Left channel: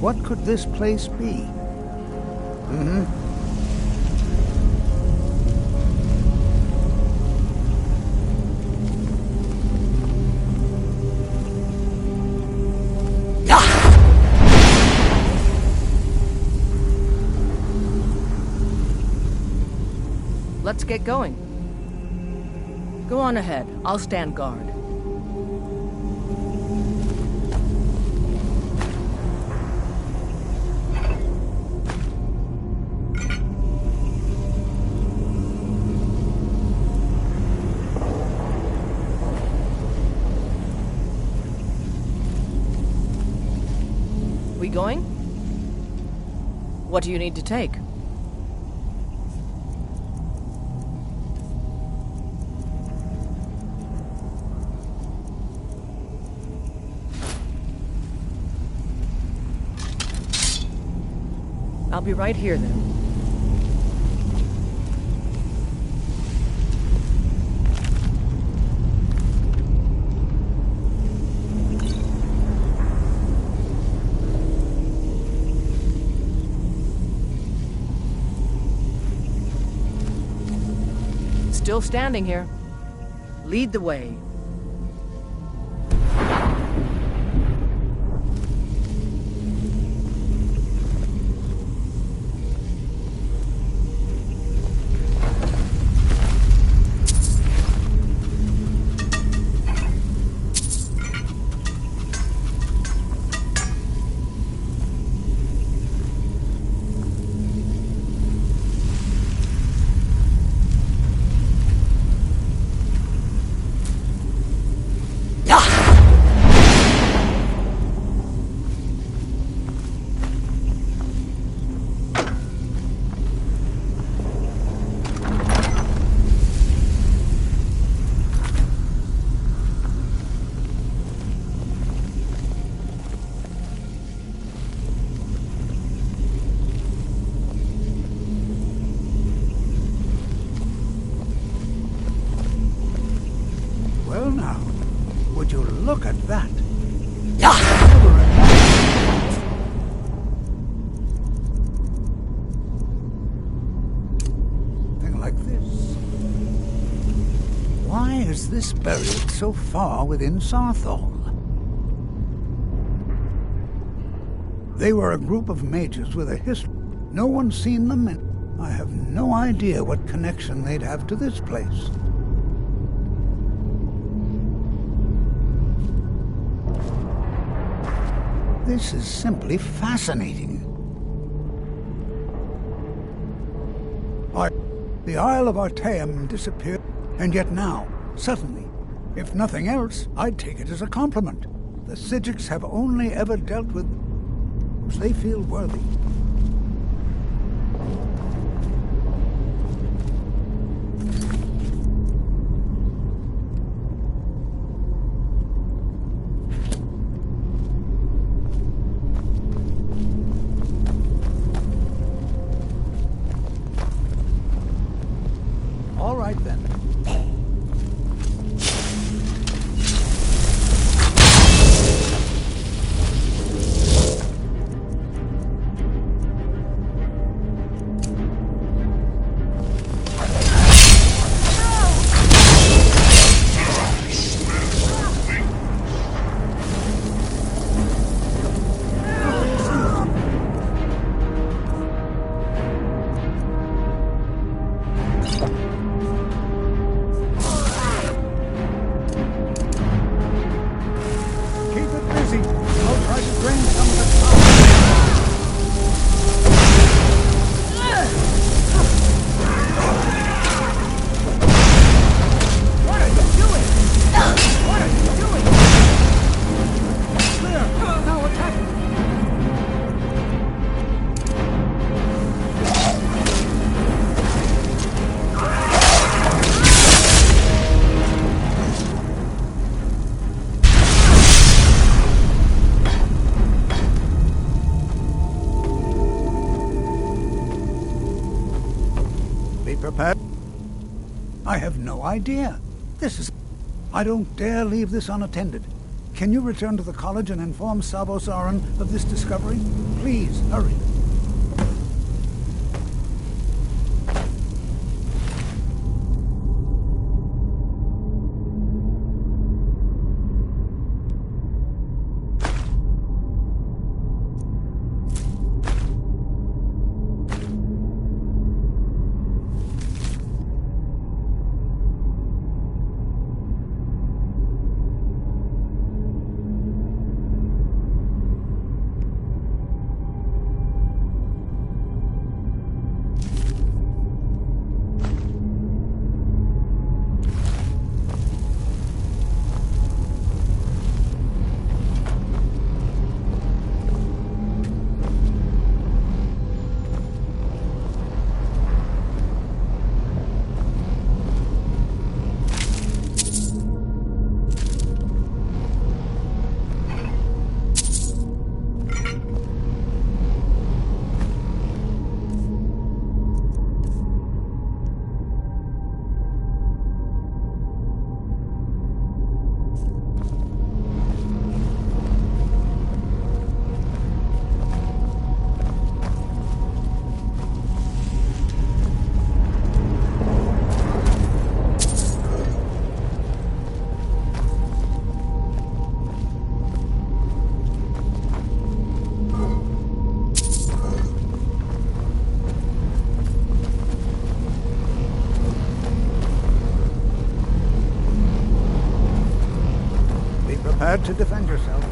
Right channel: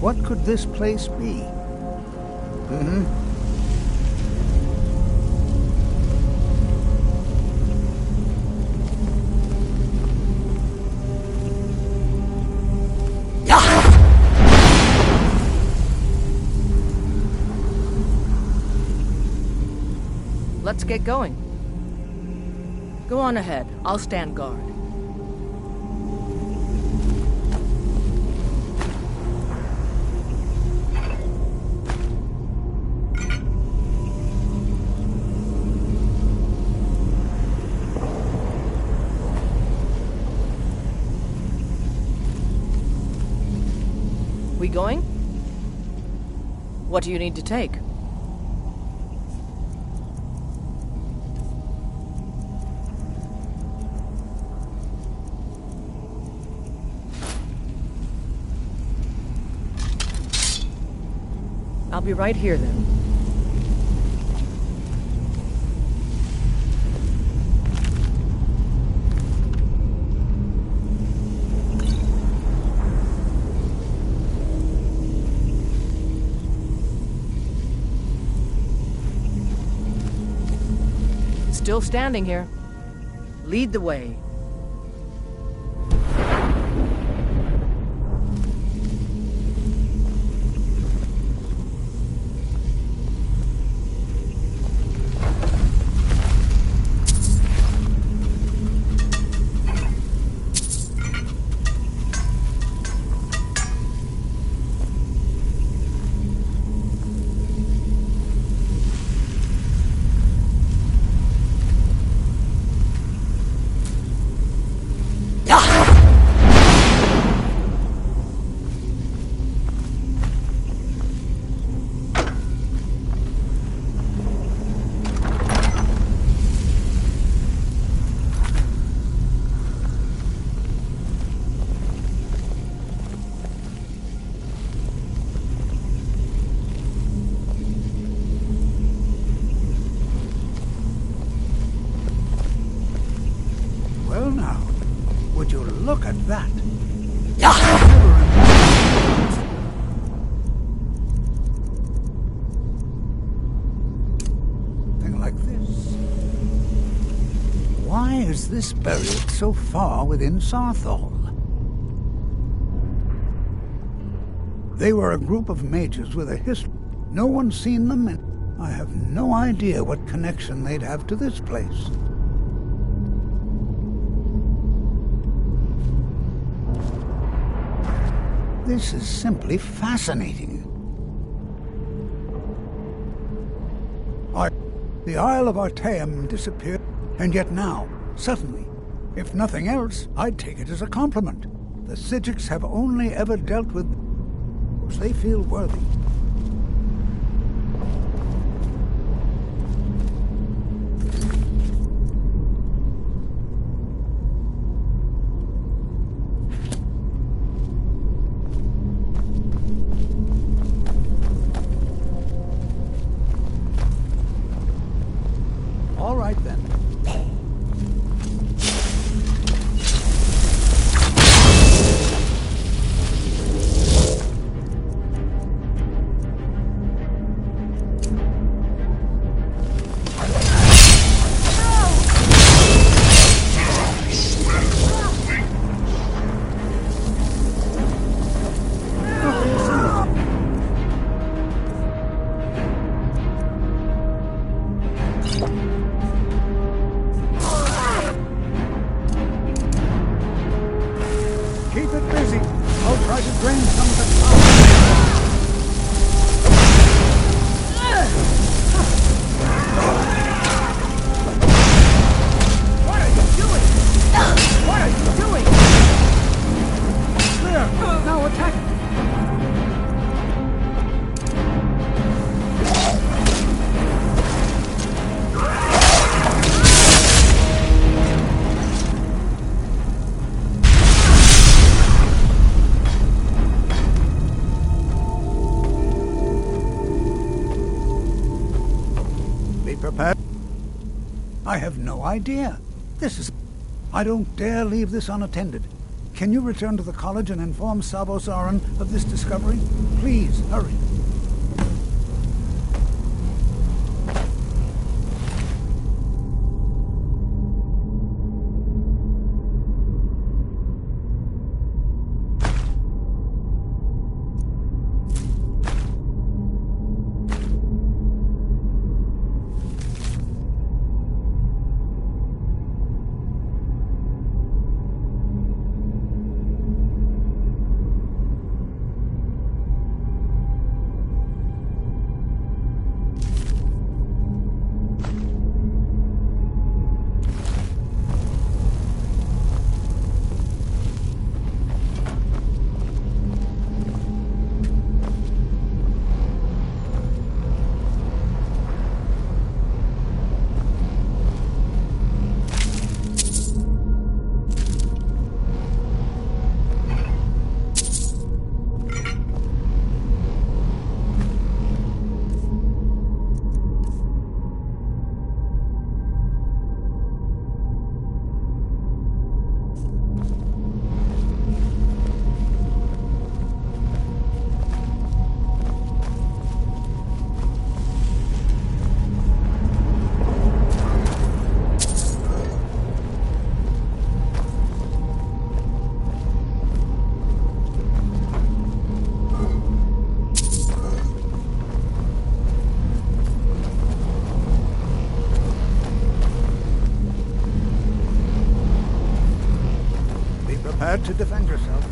What could this place be? Mm-hmm. Let's get going. Go on ahead. I'll stand guard. We going? What do you need to take? I'll be right here then. Still standing here. Lead the way. Well now, would you look at that? I never imagined something like this. Why is this buried so far within Sarthal? They were a group of mages with a history. No one's seen them, and I have no idea what connection they'd have to this place. This is simply fascinating. The Isle of Artaeum disappeared, and yet now, suddenly, if nothing else, I'd take it as a compliment. The Psijics have only ever dealt with those they feel worthy. All right, then. Keep it busy. I'll try to drain some of the power. What are you doing? What are you doing? Clear. Now attack. Be prepared. I have no idea. I don't dare leave this unattended. Can you return to the college and inform Sabo Saran of this discovery? Please, hurry. prepared to defend yourself.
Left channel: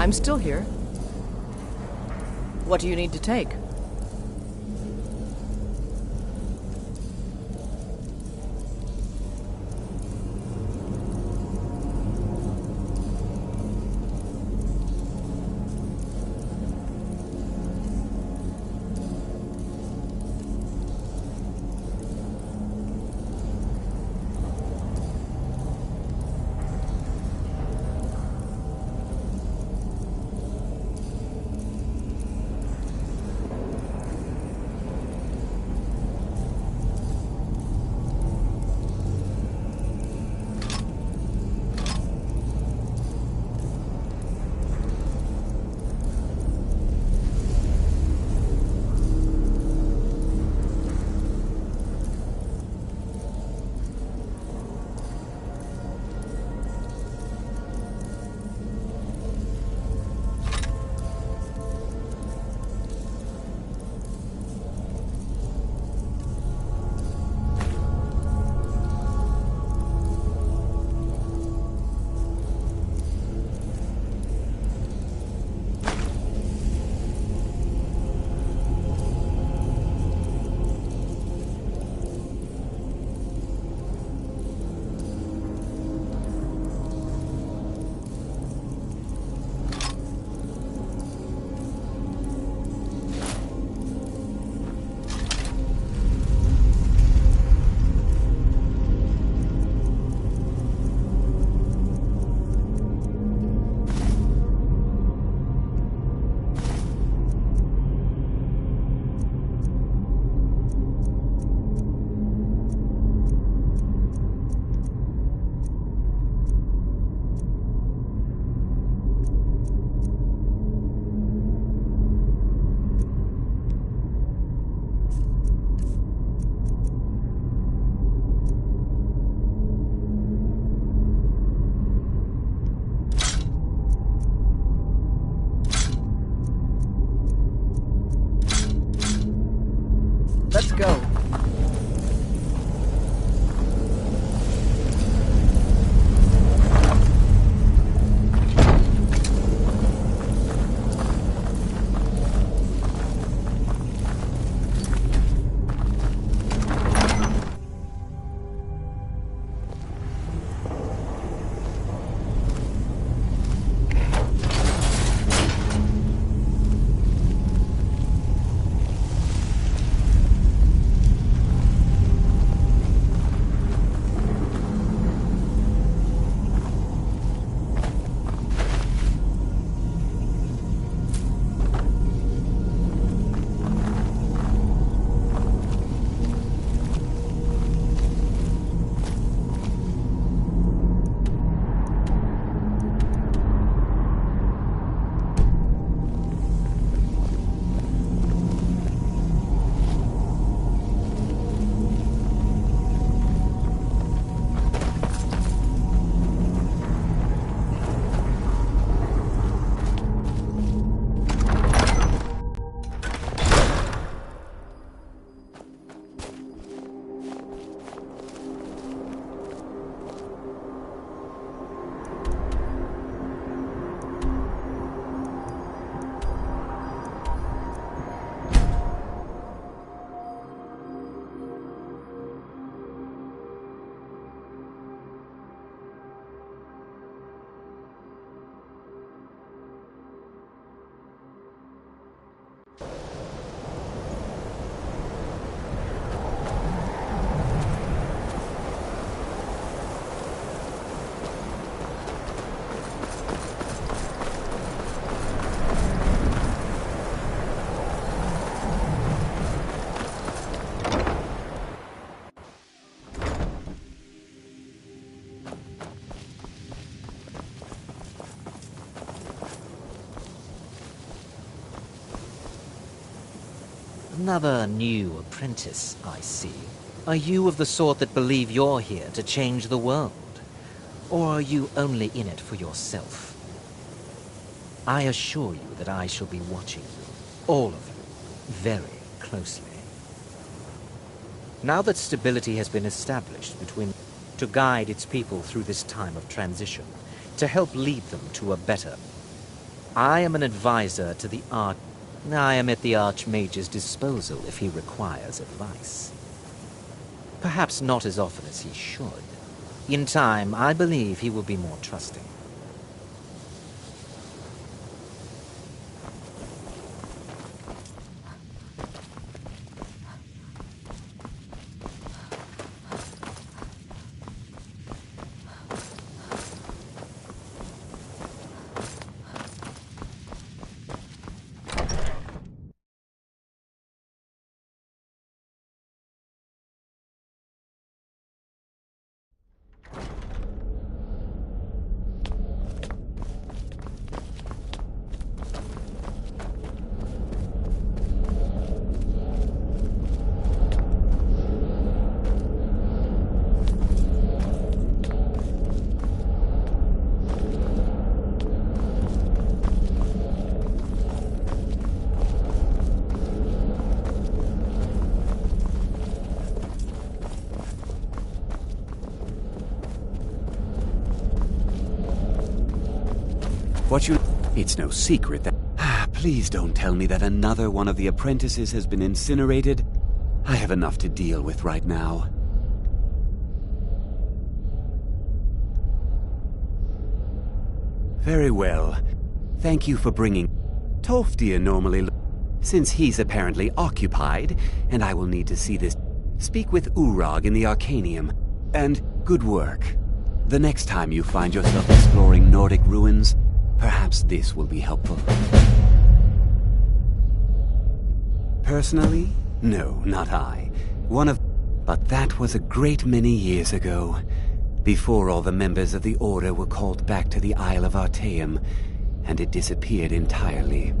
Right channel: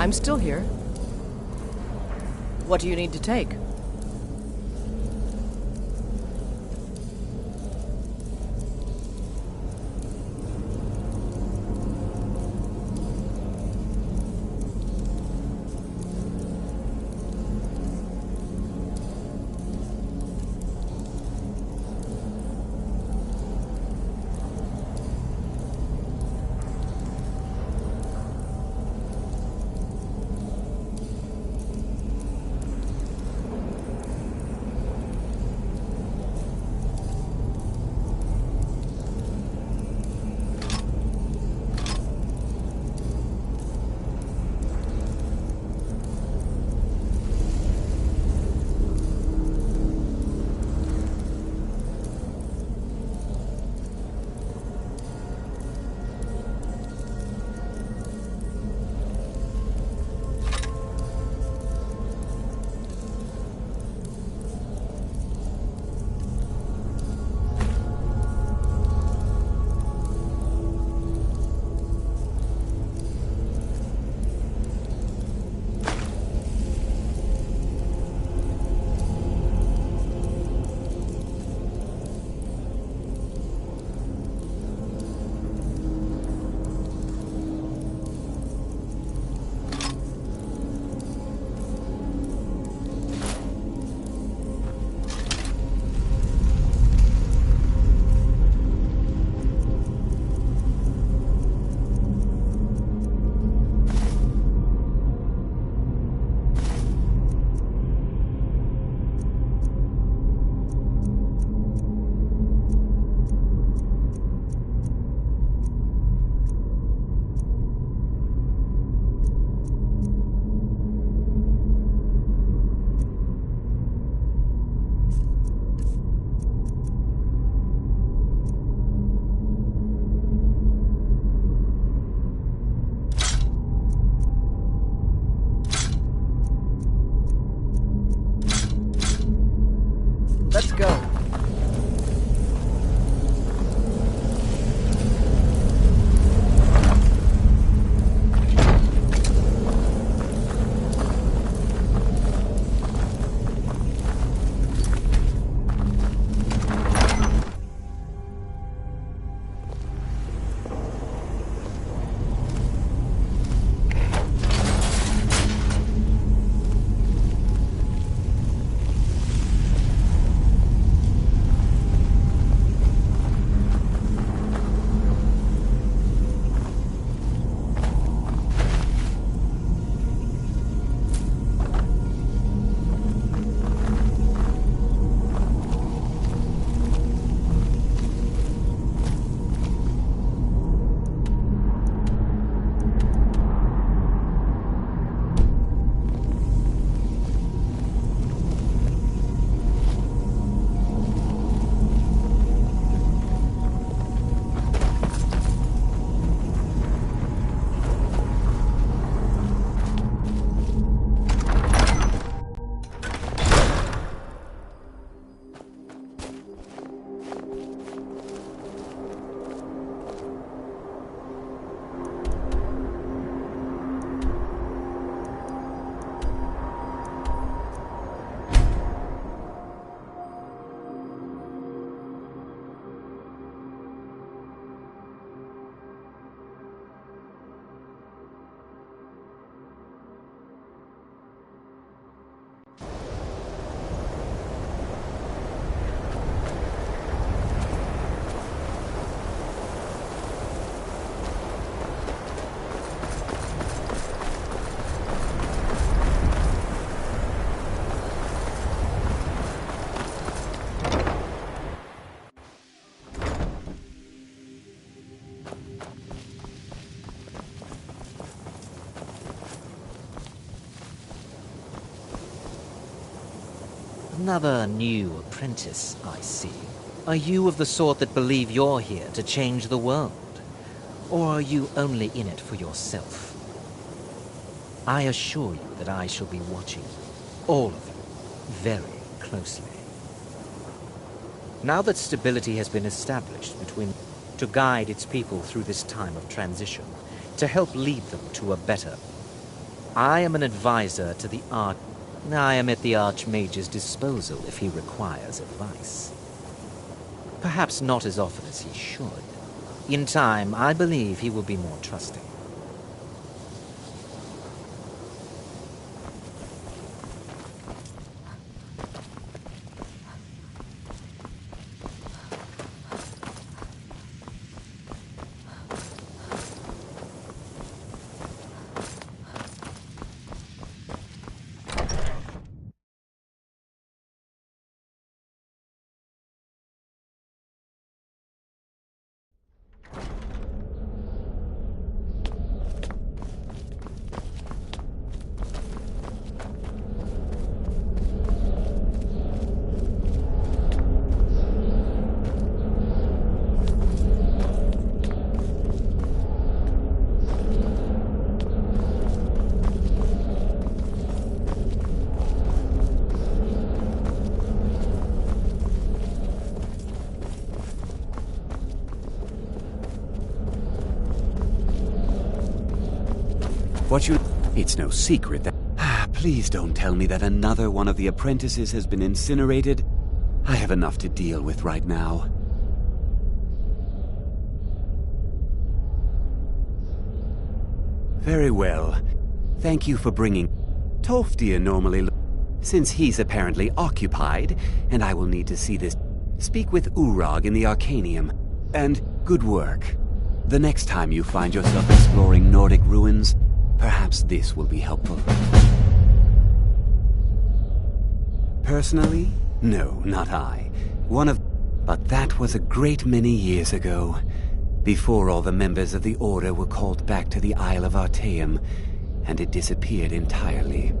I'm still here. What do you need to take? Let's go. Another new apprentice, I see. Are you of the sort that believe you're here to change the world? Or are you only in it for yourself? I assure you that I shall be watching you, all of you, very closely. Now that stability has been established between to guide its people through this time of transition, to help lead them to a better. I am an advisor to the I am at the Archmage's disposal if he requires advice. Perhaps not as often as he should. In time, I believe he will be more trusting. It's no secret that... Please don't tell me that another one of the apprentices has been incinerated. I have enough to deal with right now. Very well. Thank you for bringing... Tolfdir normally... Since he's apparently occupied, and I will need to see this... Speak with Urag in the Arcanium. And good work. The next time you find yourself exploring Nordic ruins, perhaps this will be helpful. Personally? No, not I. But that was a great many years ago, before all the members of the Order were called back to the Isle of Artaeum, and it disappeared entirely.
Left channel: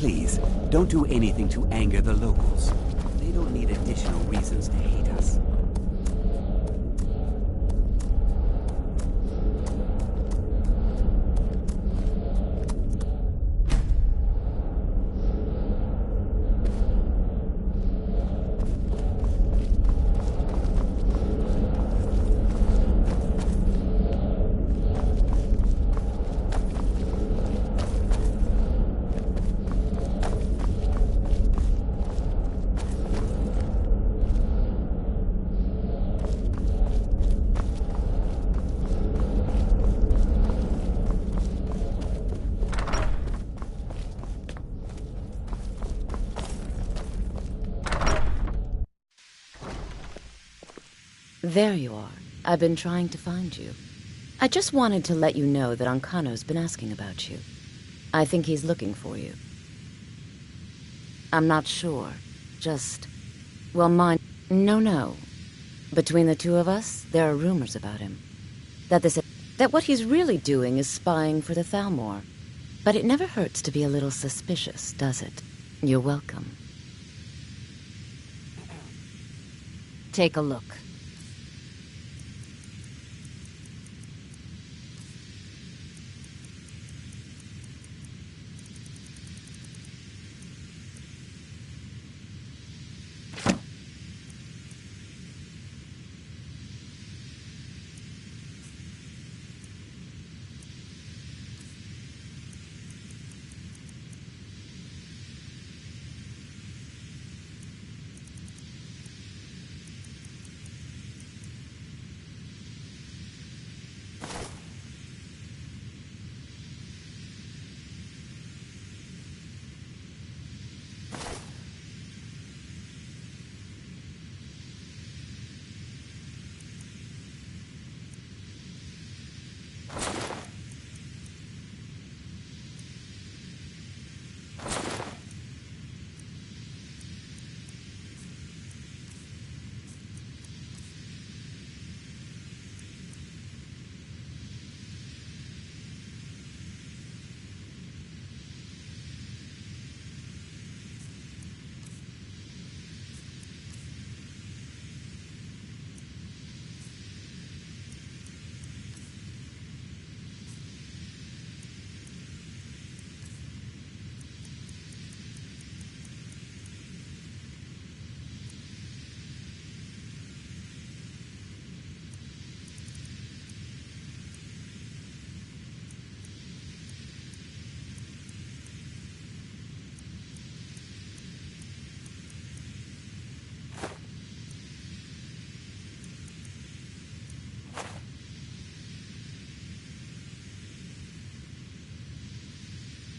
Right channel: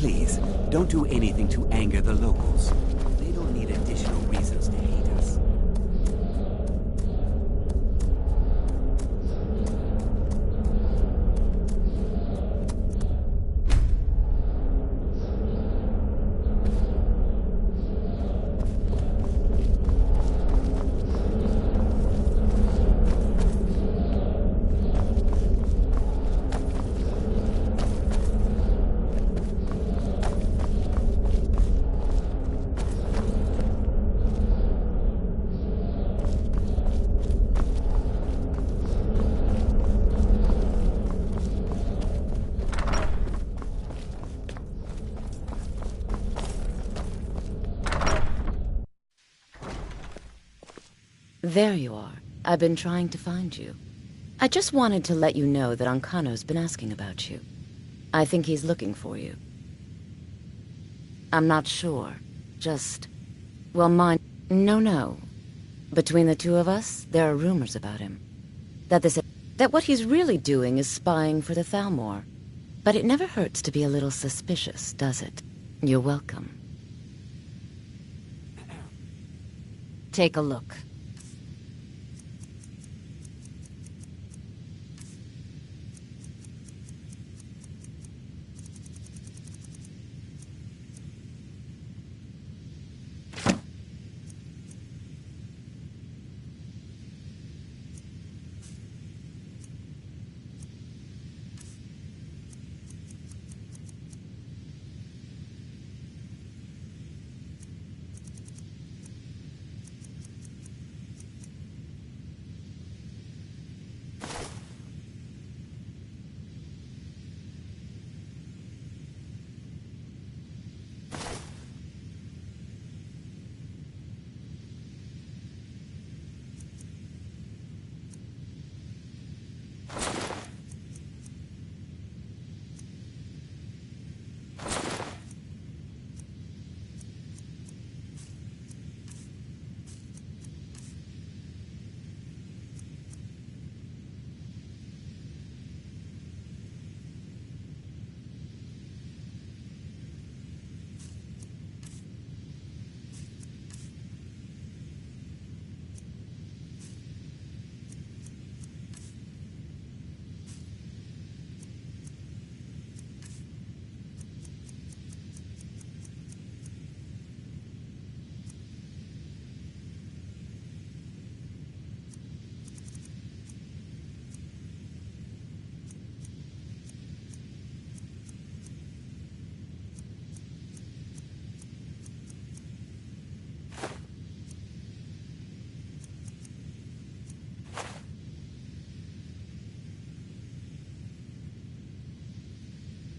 Please, don't do anything to anger the locals. They don't need additional reasons to hate us. There you are. I've been trying to find you. I just wanted to let you know that Ancano's been asking about you. I think he's looking for you. I'm not sure. Just... well, mine... No. Between the two of us, there are rumors about him. That what he's really doing is spying for the Thalmor. But it never hurts to be a little suspicious, does it? You're welcome. Take a look.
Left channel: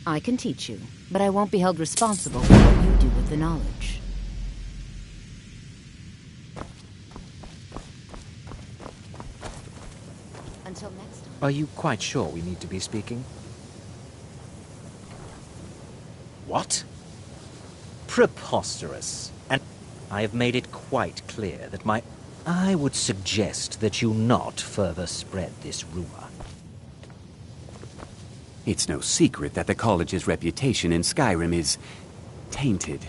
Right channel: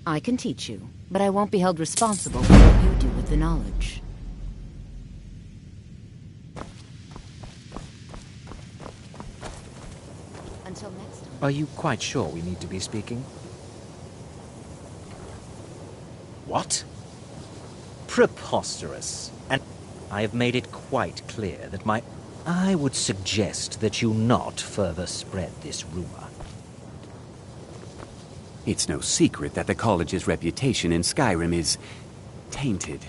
I can teach you, but I won't be held responsible for what you do with the knowledge. Until next time. Are you quite sure we need to be speaking? What? Preposterous. And I have made it quite clear that I would suggest that you not further spread this rumor. It's no secret that the college's reputation in Skyrim is tainted.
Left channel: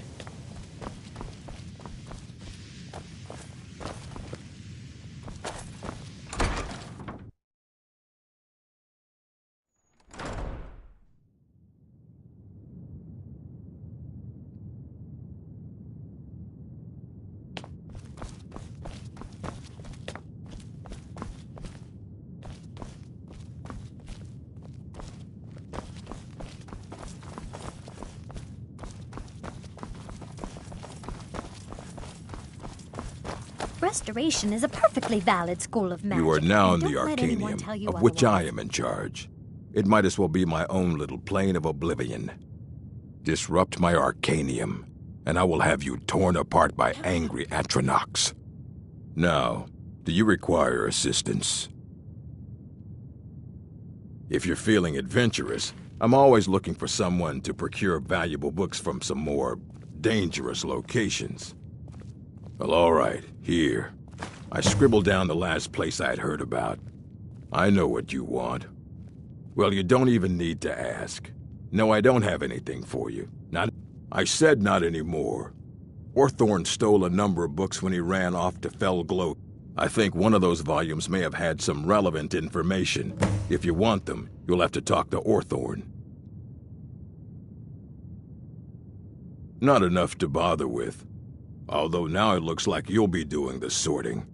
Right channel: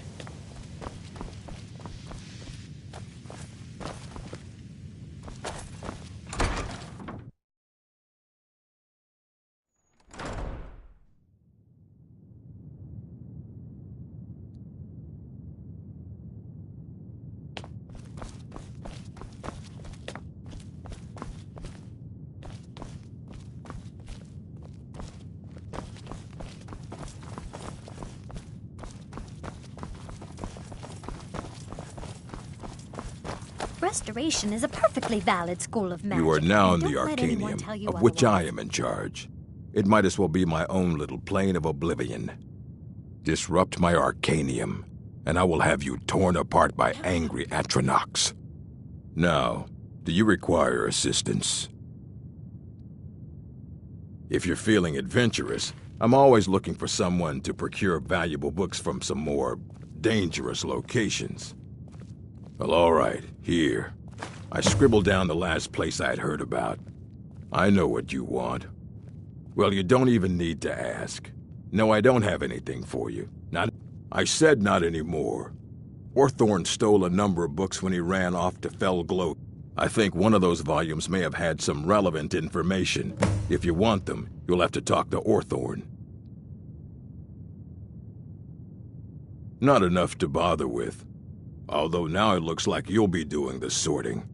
Restoration is a perfectly valid school of magic. You are now in the Don't let anyone tell Arcanium, you of which I otherwise. am in charge. It might as well be my own little plane of oblivion. Disrupt my Arcanium, and I will have you torn apart by angry Atronachs. Now, do you require assistance? If you're feeling adventurous, I'm always looking for someone to procure valuable books from some more dangerous locations. Well, all right, here. I scribbled down the last place I'd heard about. I know what you want. Well, you don't even need to ask. No, I don't have anything for you. I said not anymore. Orthorn stole a number of books when he ran off to Felgloat. I think one of those volumes may have had some relevant information. If you want them, you'll have to talk to Orthorn. Not enough to bother with. Although now it looks like you'll be doing the sorting.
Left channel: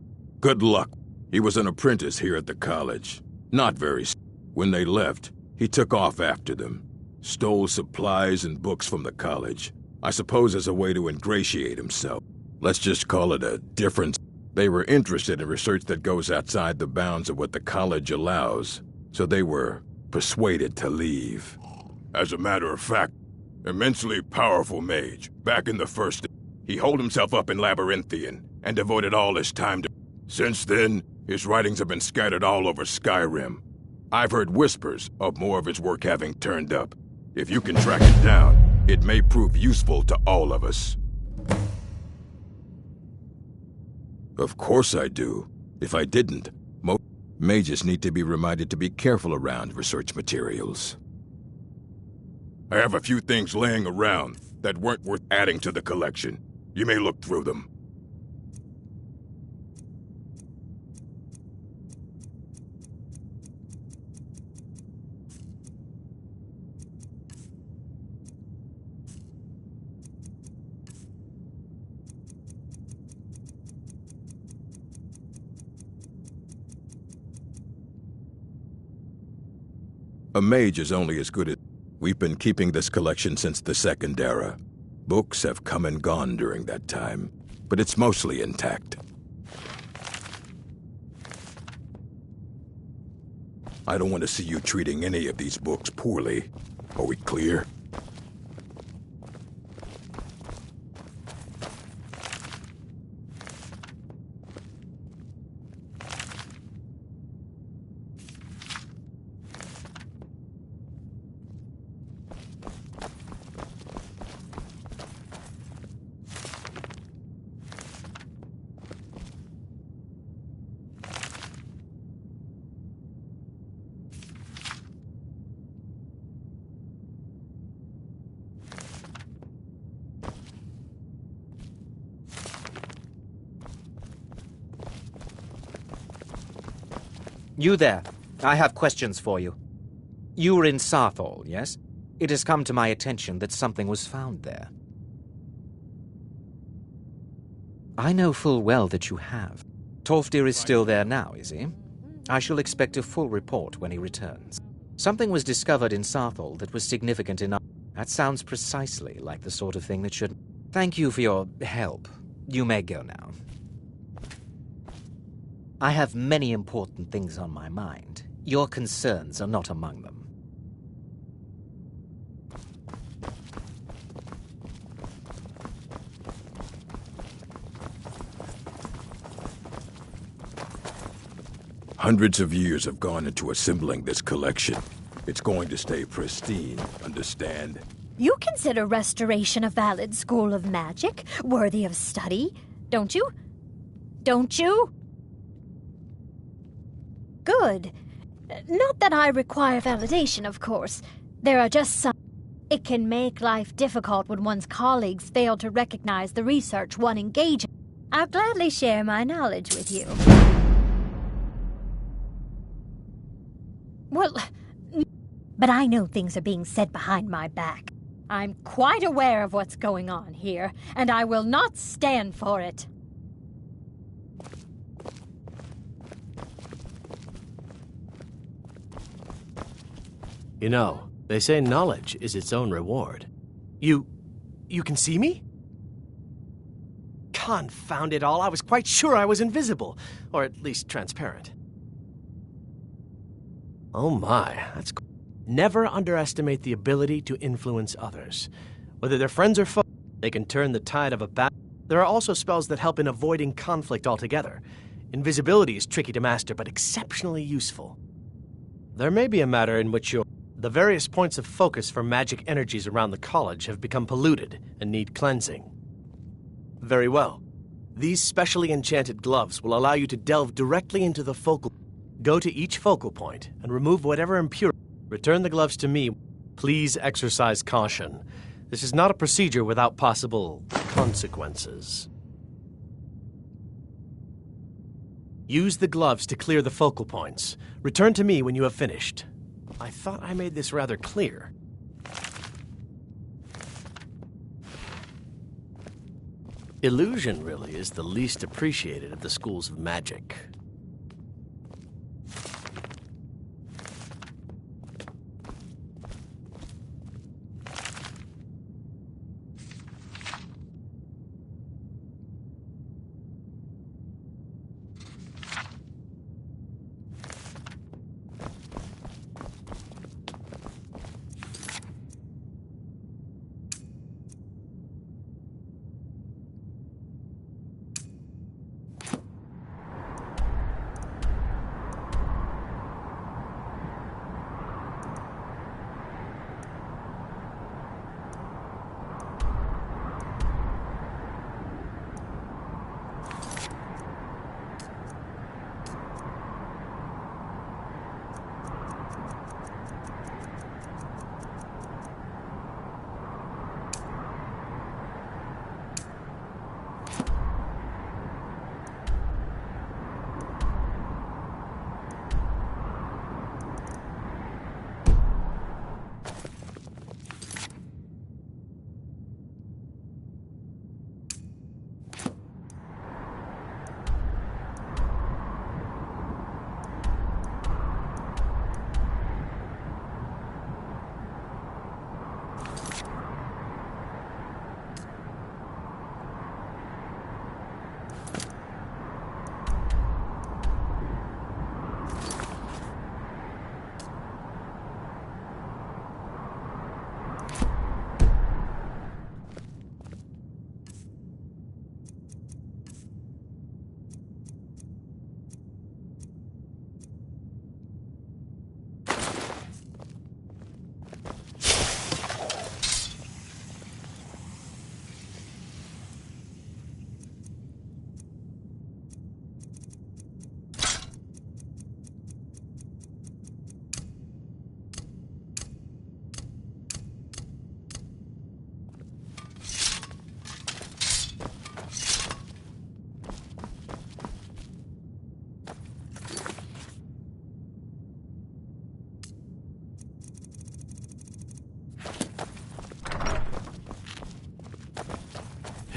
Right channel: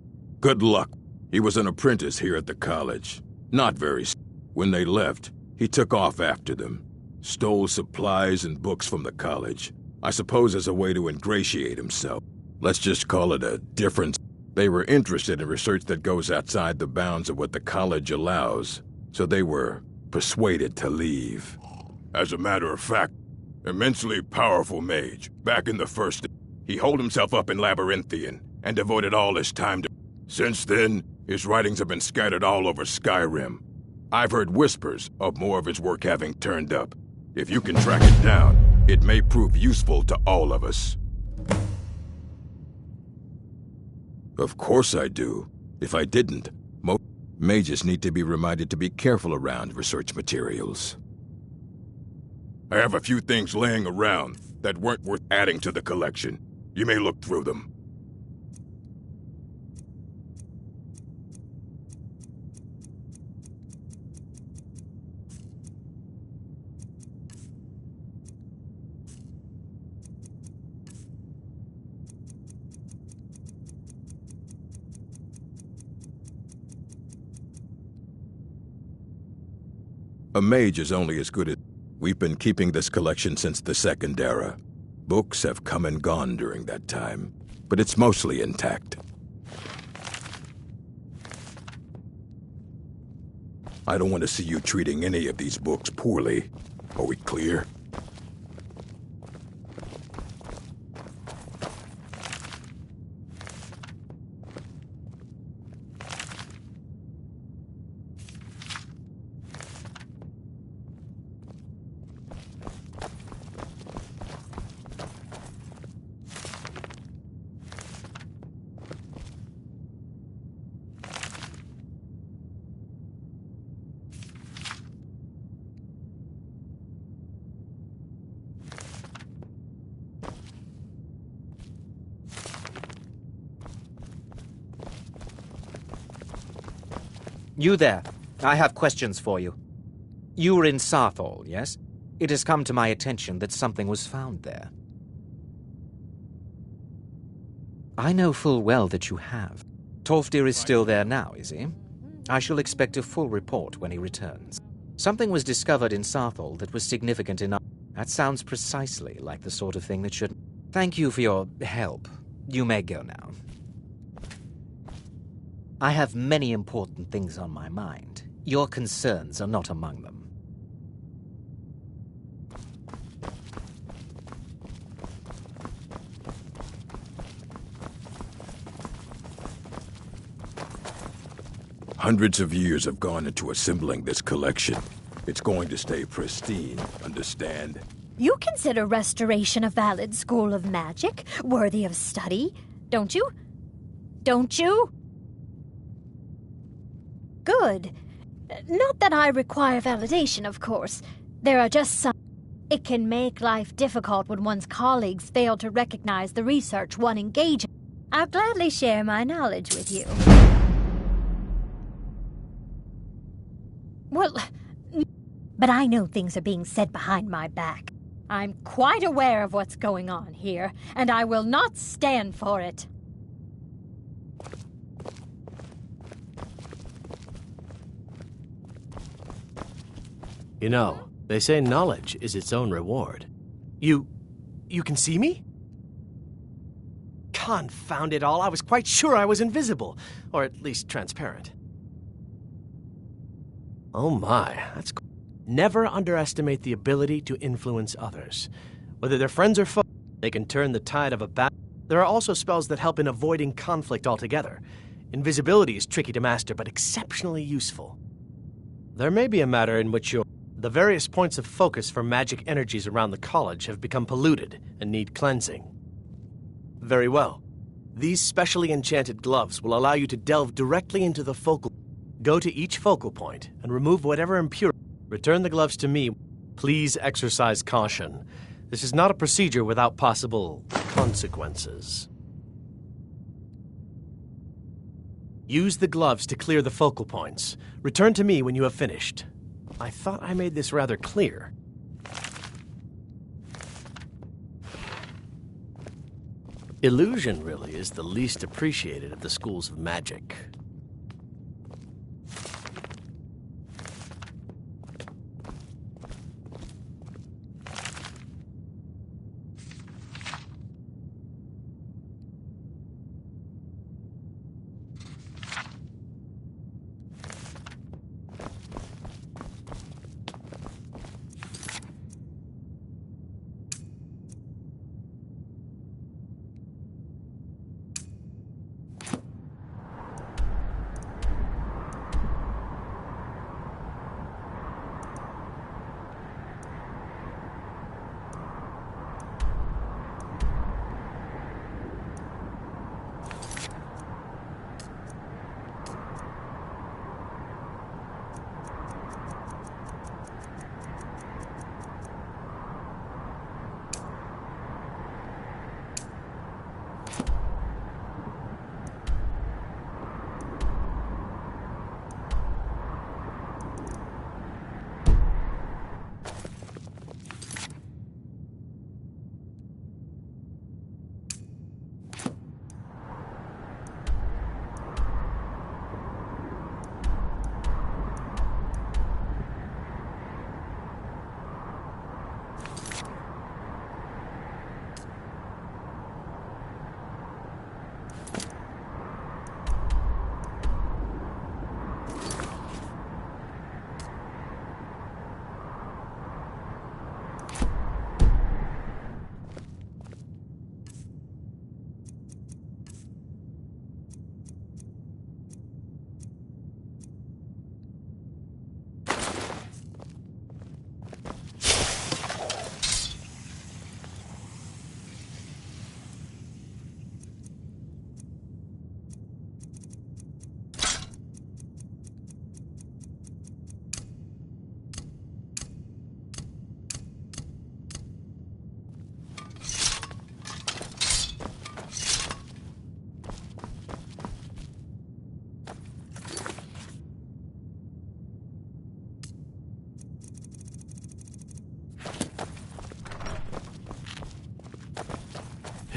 Good luck. He was an apprentice here at the college. Not very. When they left, he took off after them. Stole supplies and books from the college. I suppose as a way to ingratiate himself. Let's just call it a difference. They were interested in research that goes outside the bounds of what the college allows, so they were persuaded to leave. As a matter of fact, immensely powerful mage, back in the first... He holed himself up in Labyrinthian and devoted all his time to... Since then, his writings have been scattered all over Skyrim. I've heard whispers of more of his work having turned up. If you can track it down, It may prove useful to all of us. Of course I do. If I didn't, most mages need to be reminded to be careful around research materials. I have a few things laying around that weren't worth adding to the collection. You may look through them. A mage is only as good as... We've been keeping this collection since the Second Era. Books have come and gone during that time, but it's mostly intact. I don't want to see you treating any of these books poorly. Are we clear? You there. I have questions for you. You were in Sarthal, yes? It has come to my attention that something was found there. I know full well that you have. Tolfdir is still there now, is he? I shall expect a full report when he returns. Something was discovered in Sarthal that was significant enough. That sounds precisely like the sort of thing that should... Thank you for your help. You may go now. I have many important things on my mind. Your concerns are not among them. Hundreds of years have gone into assembling this collection. It's going to stay pristine, understand? You consider restoration a valid school of magic, worthy of study, don't you? Don't you? Good. Not that I require validation, of course. There are just some... It can make life difficult when one's colleagues fail to recognize the research one engages in. I'll gladly share my knowledge with you. Well, but I know things are being said behind my back. I'm quite aware of what's going on here, and I will not stand for it. You know, they say knowledge is its own reward. You can see me? Confound it all, I was quite sure I was invisible, or at least transparent. Oh my, that's... Never underestimate the ability to influence others. Whether they're friends or foes, they can turn the tide of a battle. There are also spells that help in avoiding conflict altogether. Invisibility is tricky to master, but exceptionally useful. There may be a matter in which the various points of focus for magic energies around the college have become polluted and need cleansing. Very well. These specially enchanted gloves will allow you to delve directly into the focal... Go to each focal point and remove whatever impurity. Return the gloves to me. Please exercise caution. This is not a procedure without possible consequences. Use the gloves to clear the focal points. Return to me when you have finished. I thought I made this rather clear. Illusion really is the least appreciated of the schools of magic.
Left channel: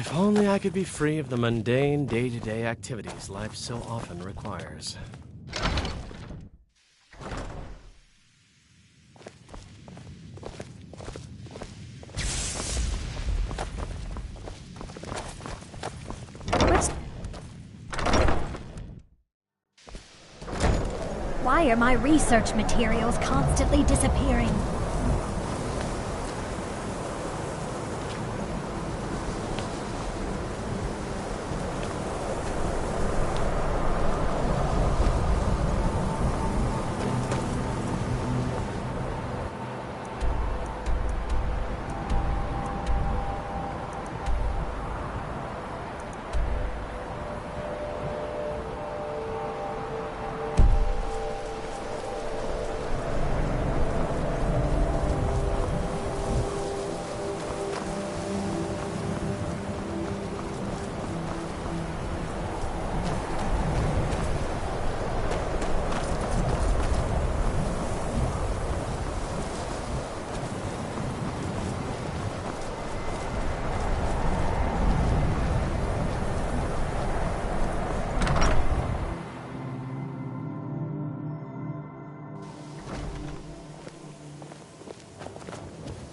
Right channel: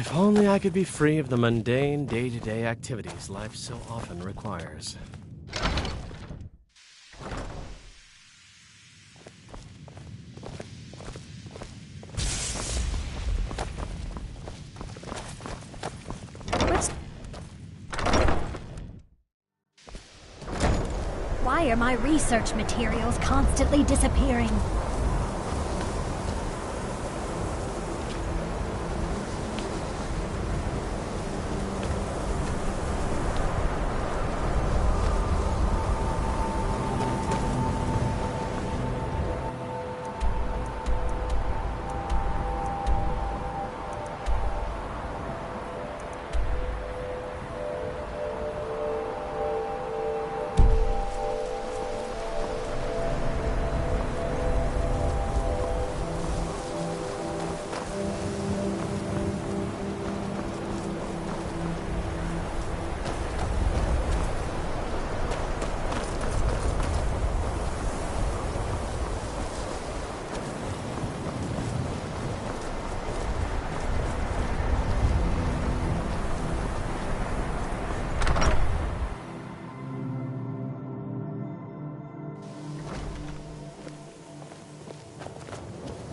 If only I could be free of the mundane, day-to-day activities life so often requires. Why are my research materials constantly disappearing?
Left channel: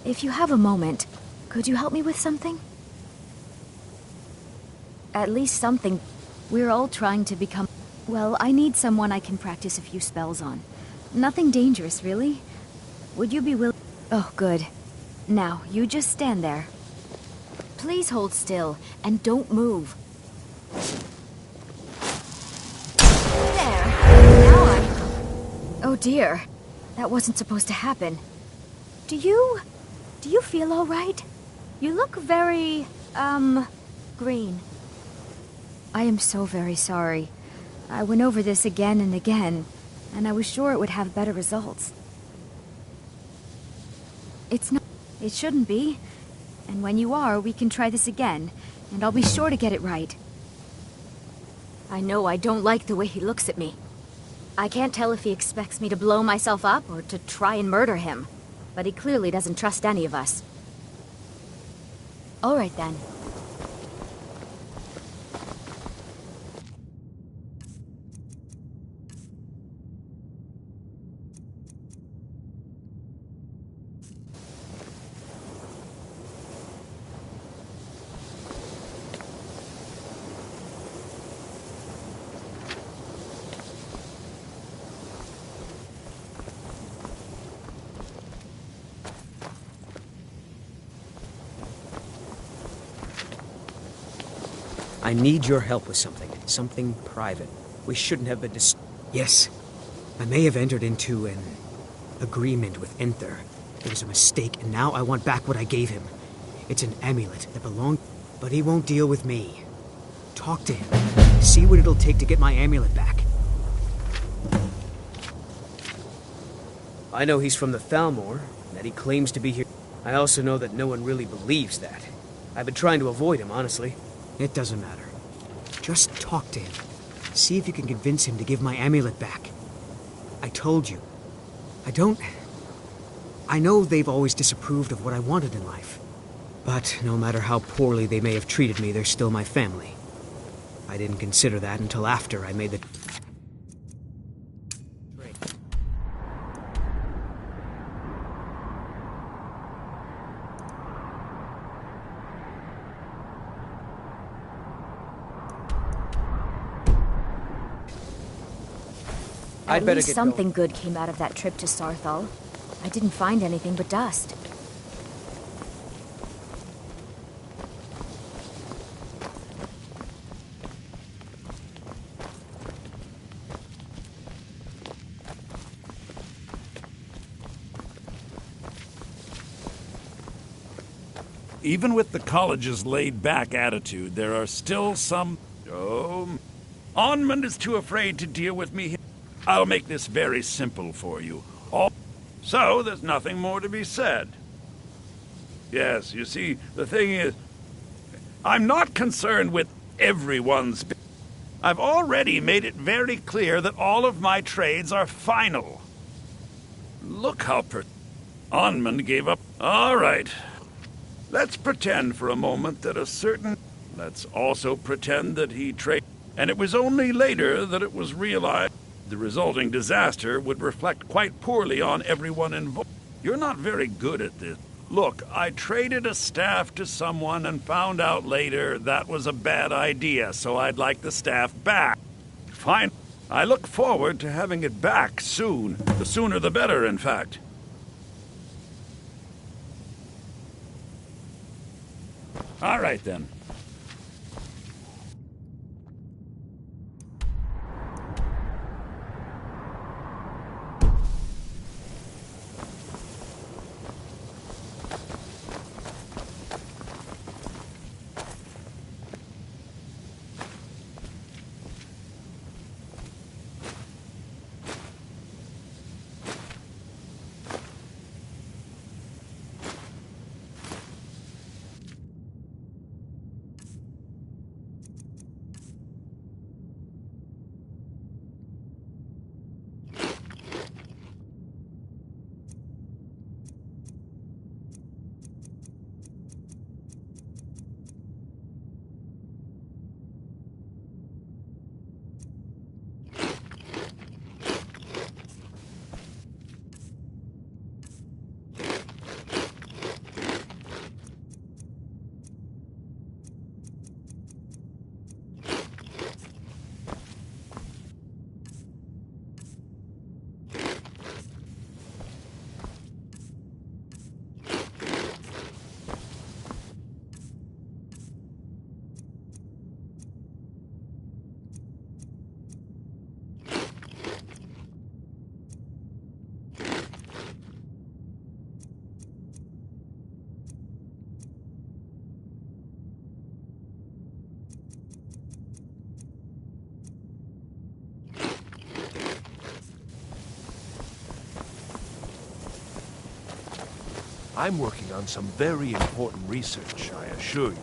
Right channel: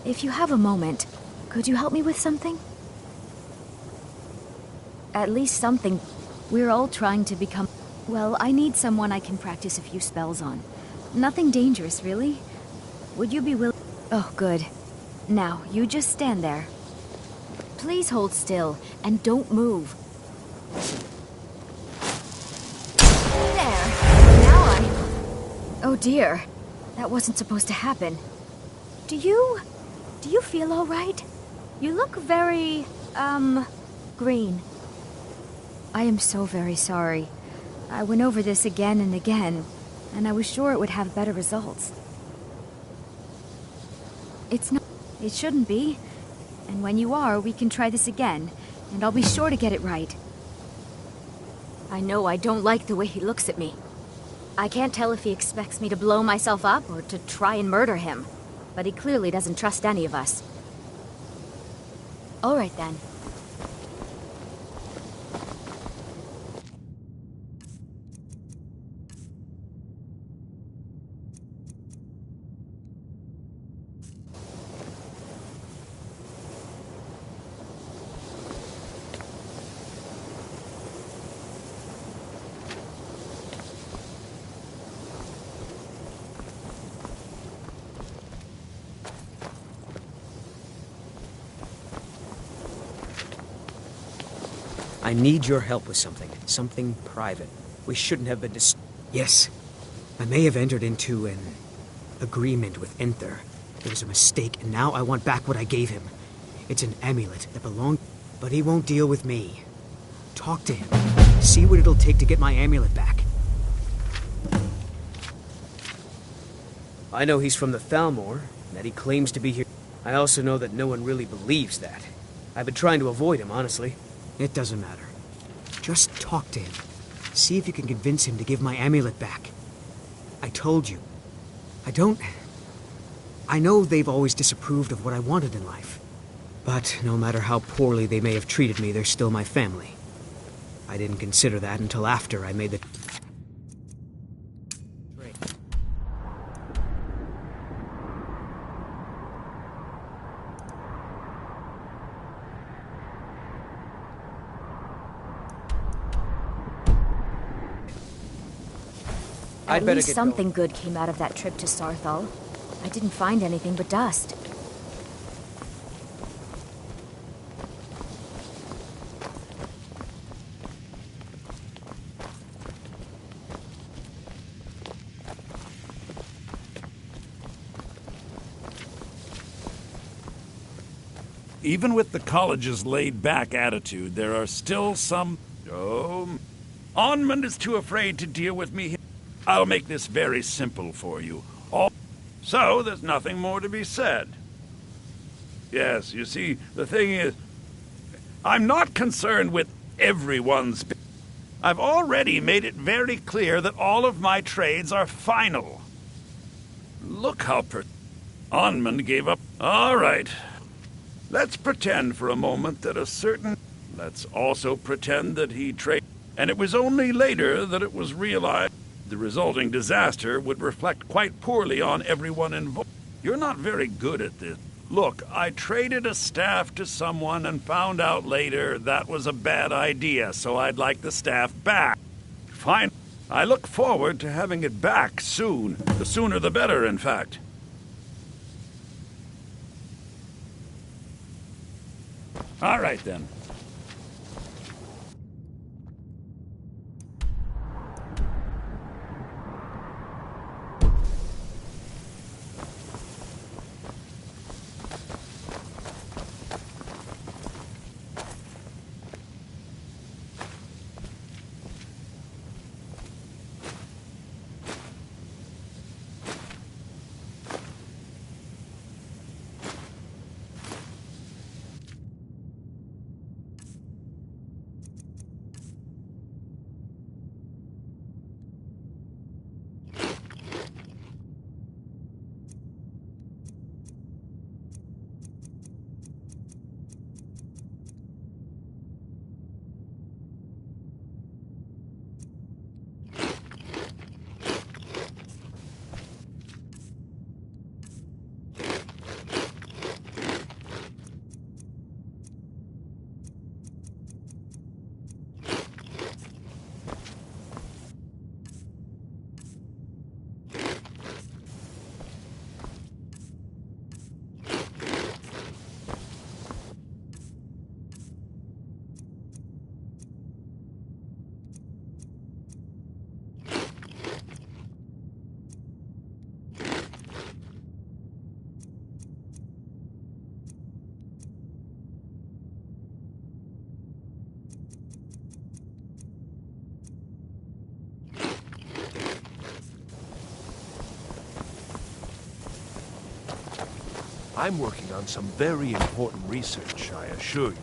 If you have a moment, could you help me with something? At least something. We're all trying to become... Well, I need someone I can practice a few spells on. Nothing dangerous, really. Would you be willing... Oh, good. Now, you just stand there. Please hold still, and don't move. There. Now Oh dear. That wasn't supposed to happen. Do you feel all right? You look very, green. I am so very sorry. I went over this again and again, and I was sure it would have better results. It's not... It shouldn't be. And when you are, we can try this again, and I'll be sure to get it right. I know I don't like the way he looks at me. I can't tell if he expects me to blow myself up or to try and murder him. But he clearly doesn't trust any of us. All right, then. I need your help with something. Something private. We shouldn't have been Yes. I may have entered into an agreement with Enther. It was a mistake, and now I want back what I gave him. It's an amulet that belonged... But he won't deal with me. Talk to him. See what it'll take to get my amulet back. I know he's from the Thalmor, and that he claims to be here. I also know that no one really believes that. I've been trying to avoid him, honestly. It doesn't matter. Just talk to him. See if you can convince him to give my amulet back. I told you. I know they've always disapproved of what I wanted in life. But no matter how poorly they may have treated me, they're still my family. I didn't consider that until after I made the... At least something good came out of that trip to Sarthal. I didn't find anything but dust. Even with the college's laid-back attitude, there are still some... Onmund is too afraid to deal with me. I'll make this very simple for you. So, there's nothing more to be said. Yes, you see, the thing is... I'm not concerned with everyone's... I've already made it very clear that all of my trades are final. Look how Onmund gave up. All right. Let's pretend for a moment that a certain... Let's also pretend that he traded. And it was only later that it was realized the resulting disaster would reflect quite poorly on everyone involved. You're not very good at this. Look, I traded a staff to someone and found out later that was a bad idea, so I'd like the staff back. Fine. I look forward to having it back soon. The sooner the better, in fact. All right, then. I'm working on some very important research, I assure you.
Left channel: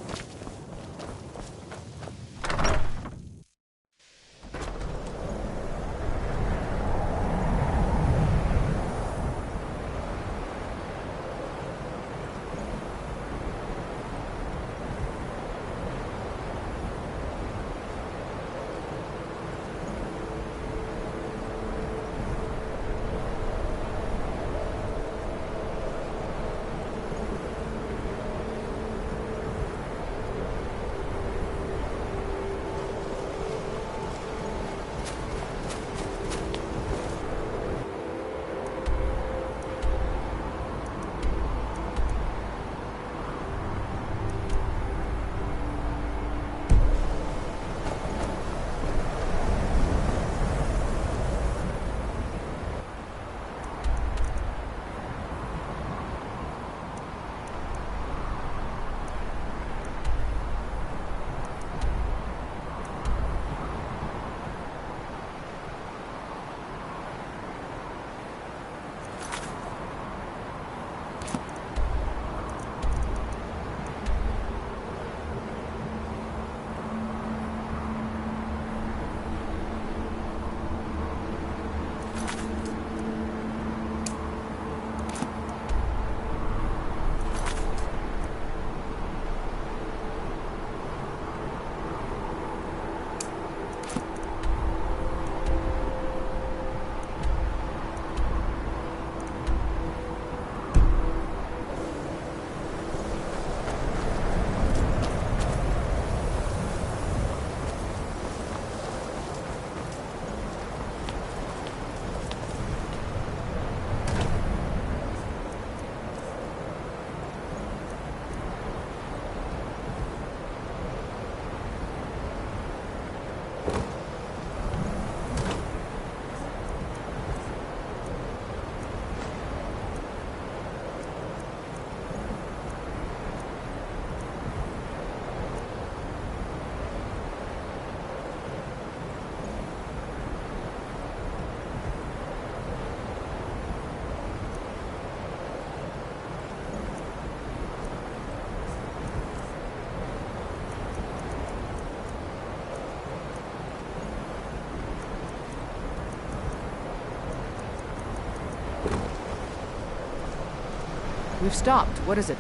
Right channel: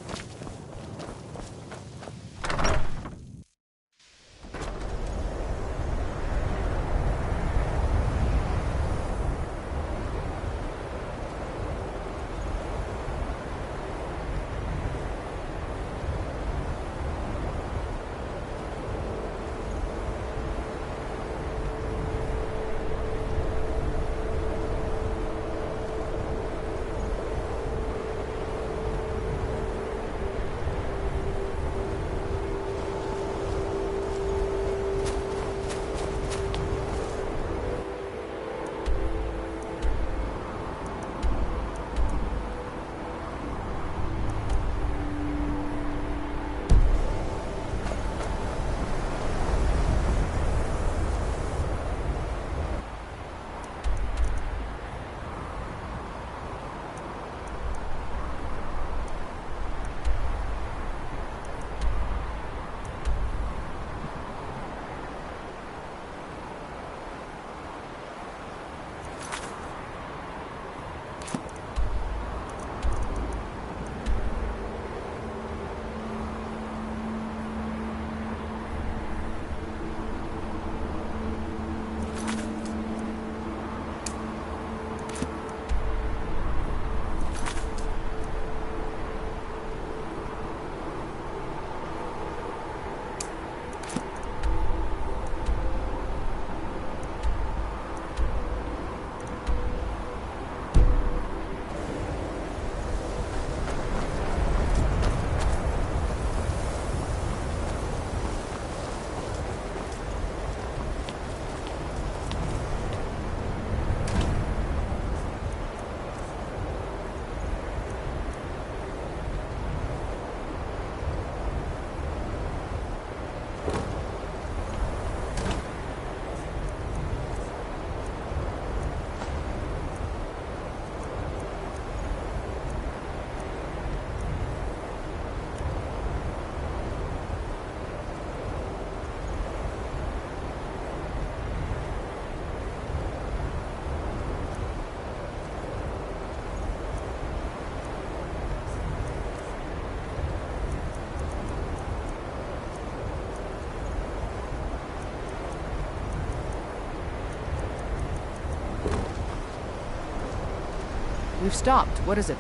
We've stopped. What is it?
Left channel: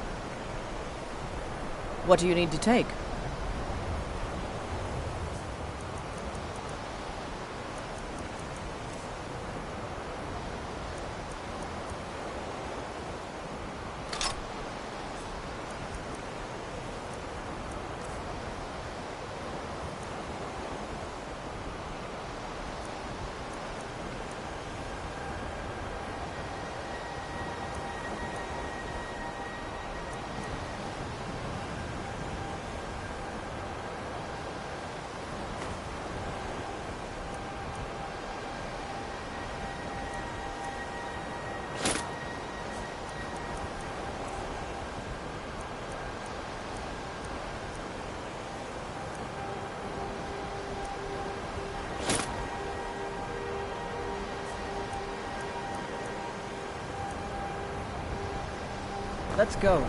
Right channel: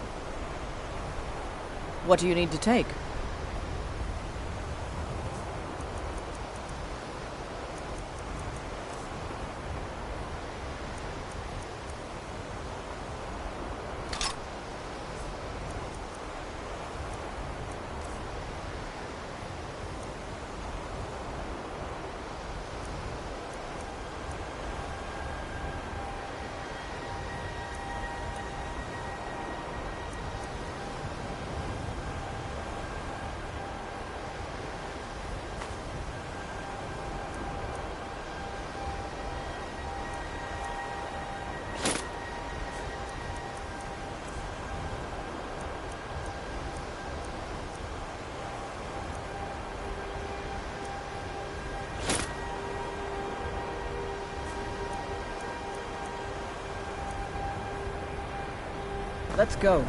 What do you need to take? Let's go.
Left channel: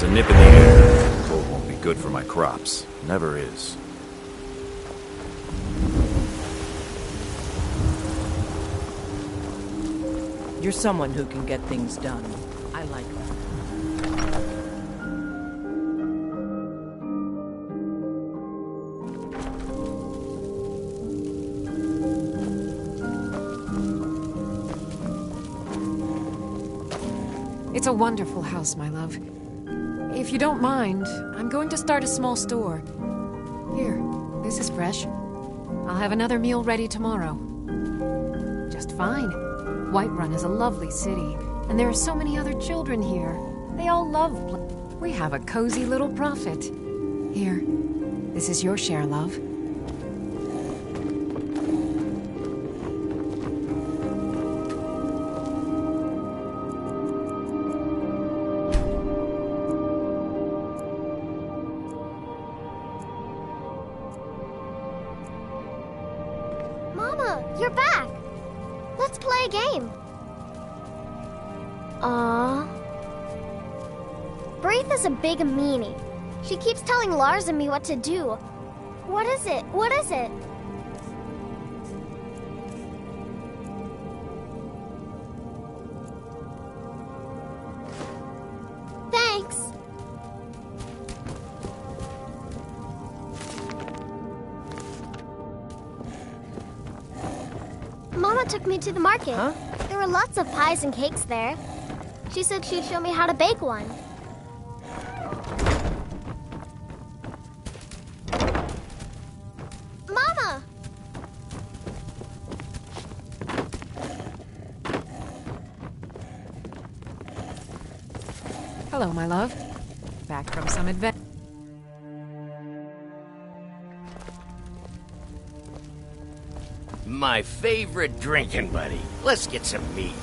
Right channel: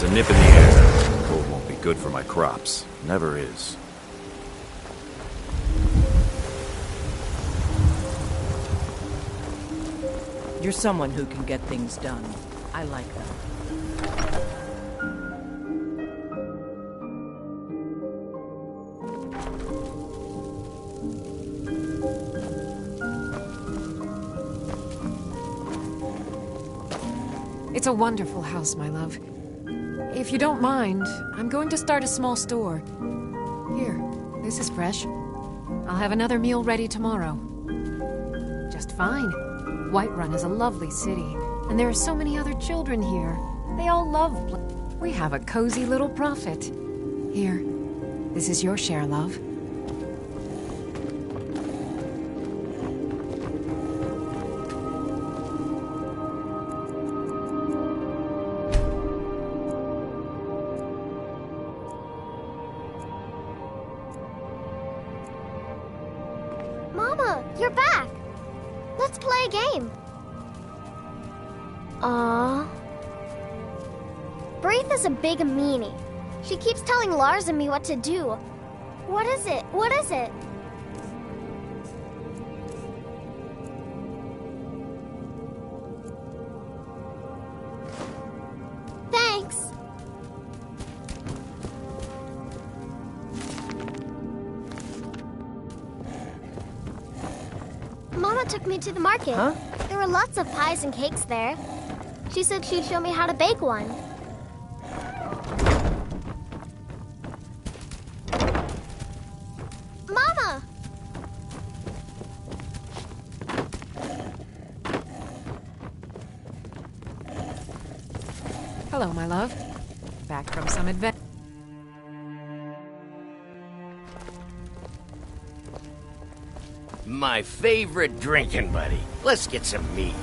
There's a nip in the air. The cold won't be good for my crops. Never is. You're someone who can get things done. I like that. It's a wonderful house, my love. If you don't mind, I'm going to start a small store. Here, this is fresh. I'll have another meal ready tomorrow. Just fine. Whiterun is a lovely city, and there are so many other children here. They all love we have a cozy little prophet. Here, this is your share, love. Mama, you're back! Let's play a game. Aww. Braith is a big meanie. She keeps telling Lars and me what to do. What is it? What is it? Thanks. Mama took me to the market. Huh? There were lots of pies and cakes there. She said she'd show me how to bake one. Mama! Hello, my love. Back from some adventure. My favorite drinking buddy. Let's get some meat.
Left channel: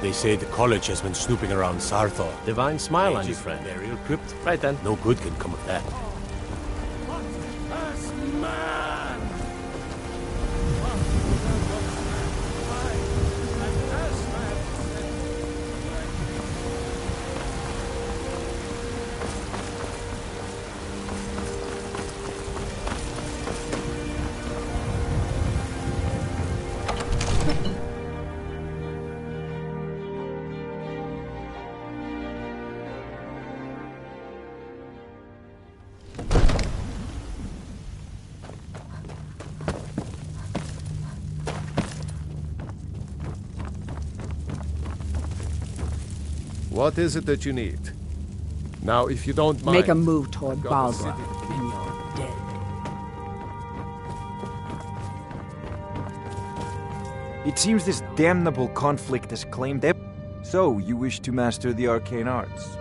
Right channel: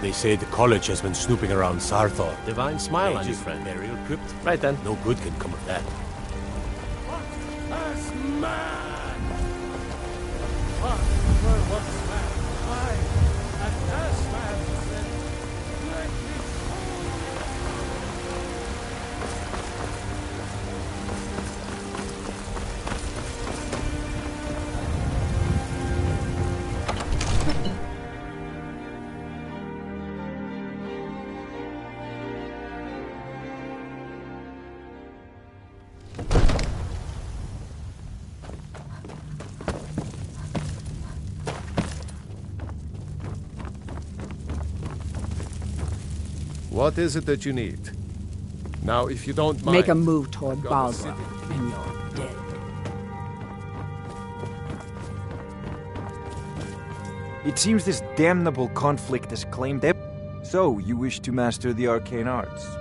They say the college has been snooping around Sarthor. Divine smile on you, friend. Burial crypt? Right then. No good can come of that. As man! What were once man? I, and as man said, let me... What is it that you need? Now, if you don't mind... Make a move toward I've got Baldur, the and you're dead. It seems this damnable conflict has claimed it. So, you wish to master the arcane arts?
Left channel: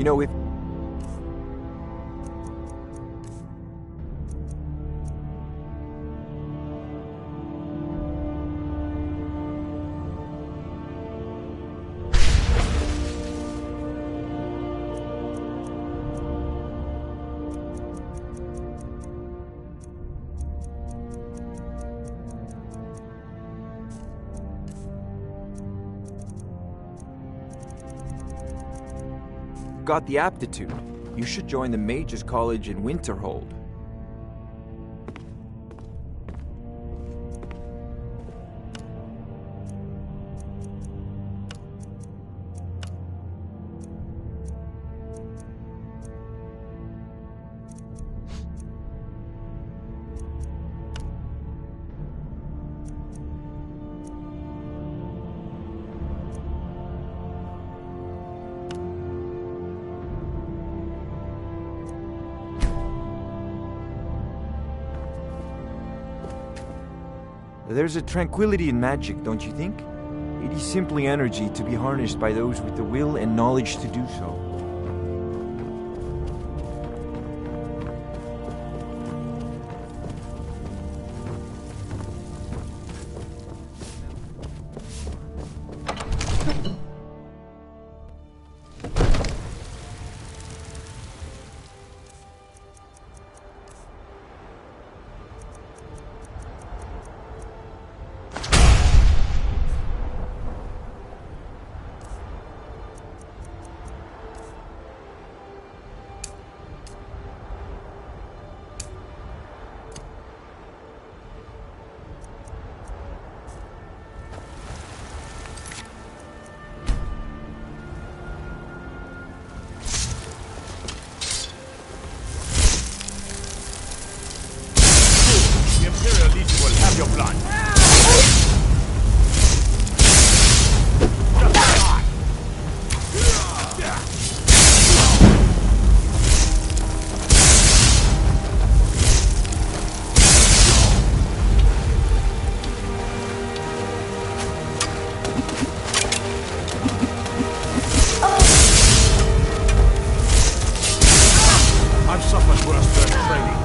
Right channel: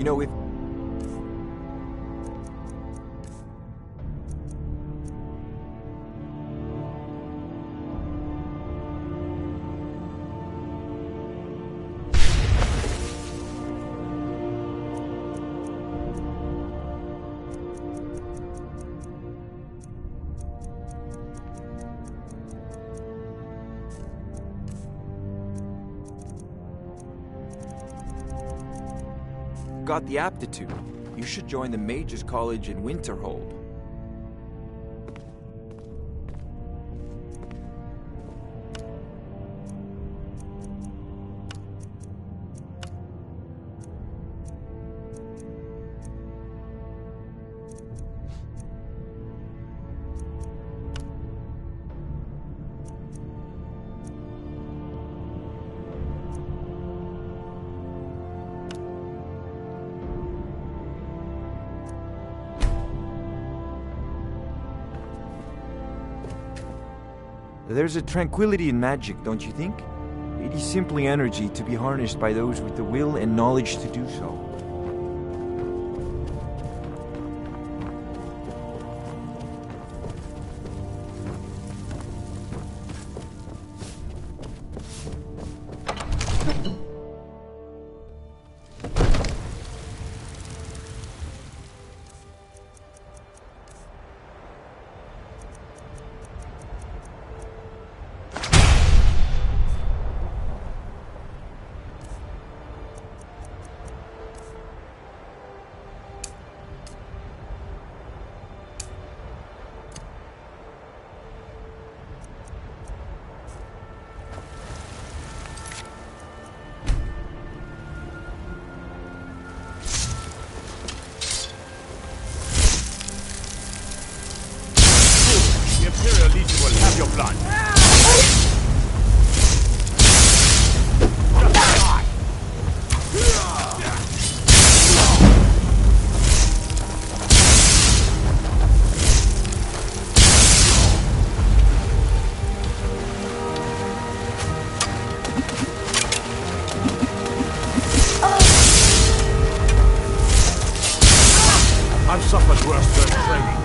You know, if... got the aptitude. You should join the Mages College in Winterhold. There's a tranquility in magic, don't you think? It is simply energy to be harnessed by those with the will and knowledge to do so. Your blood. I've suffered worse than training.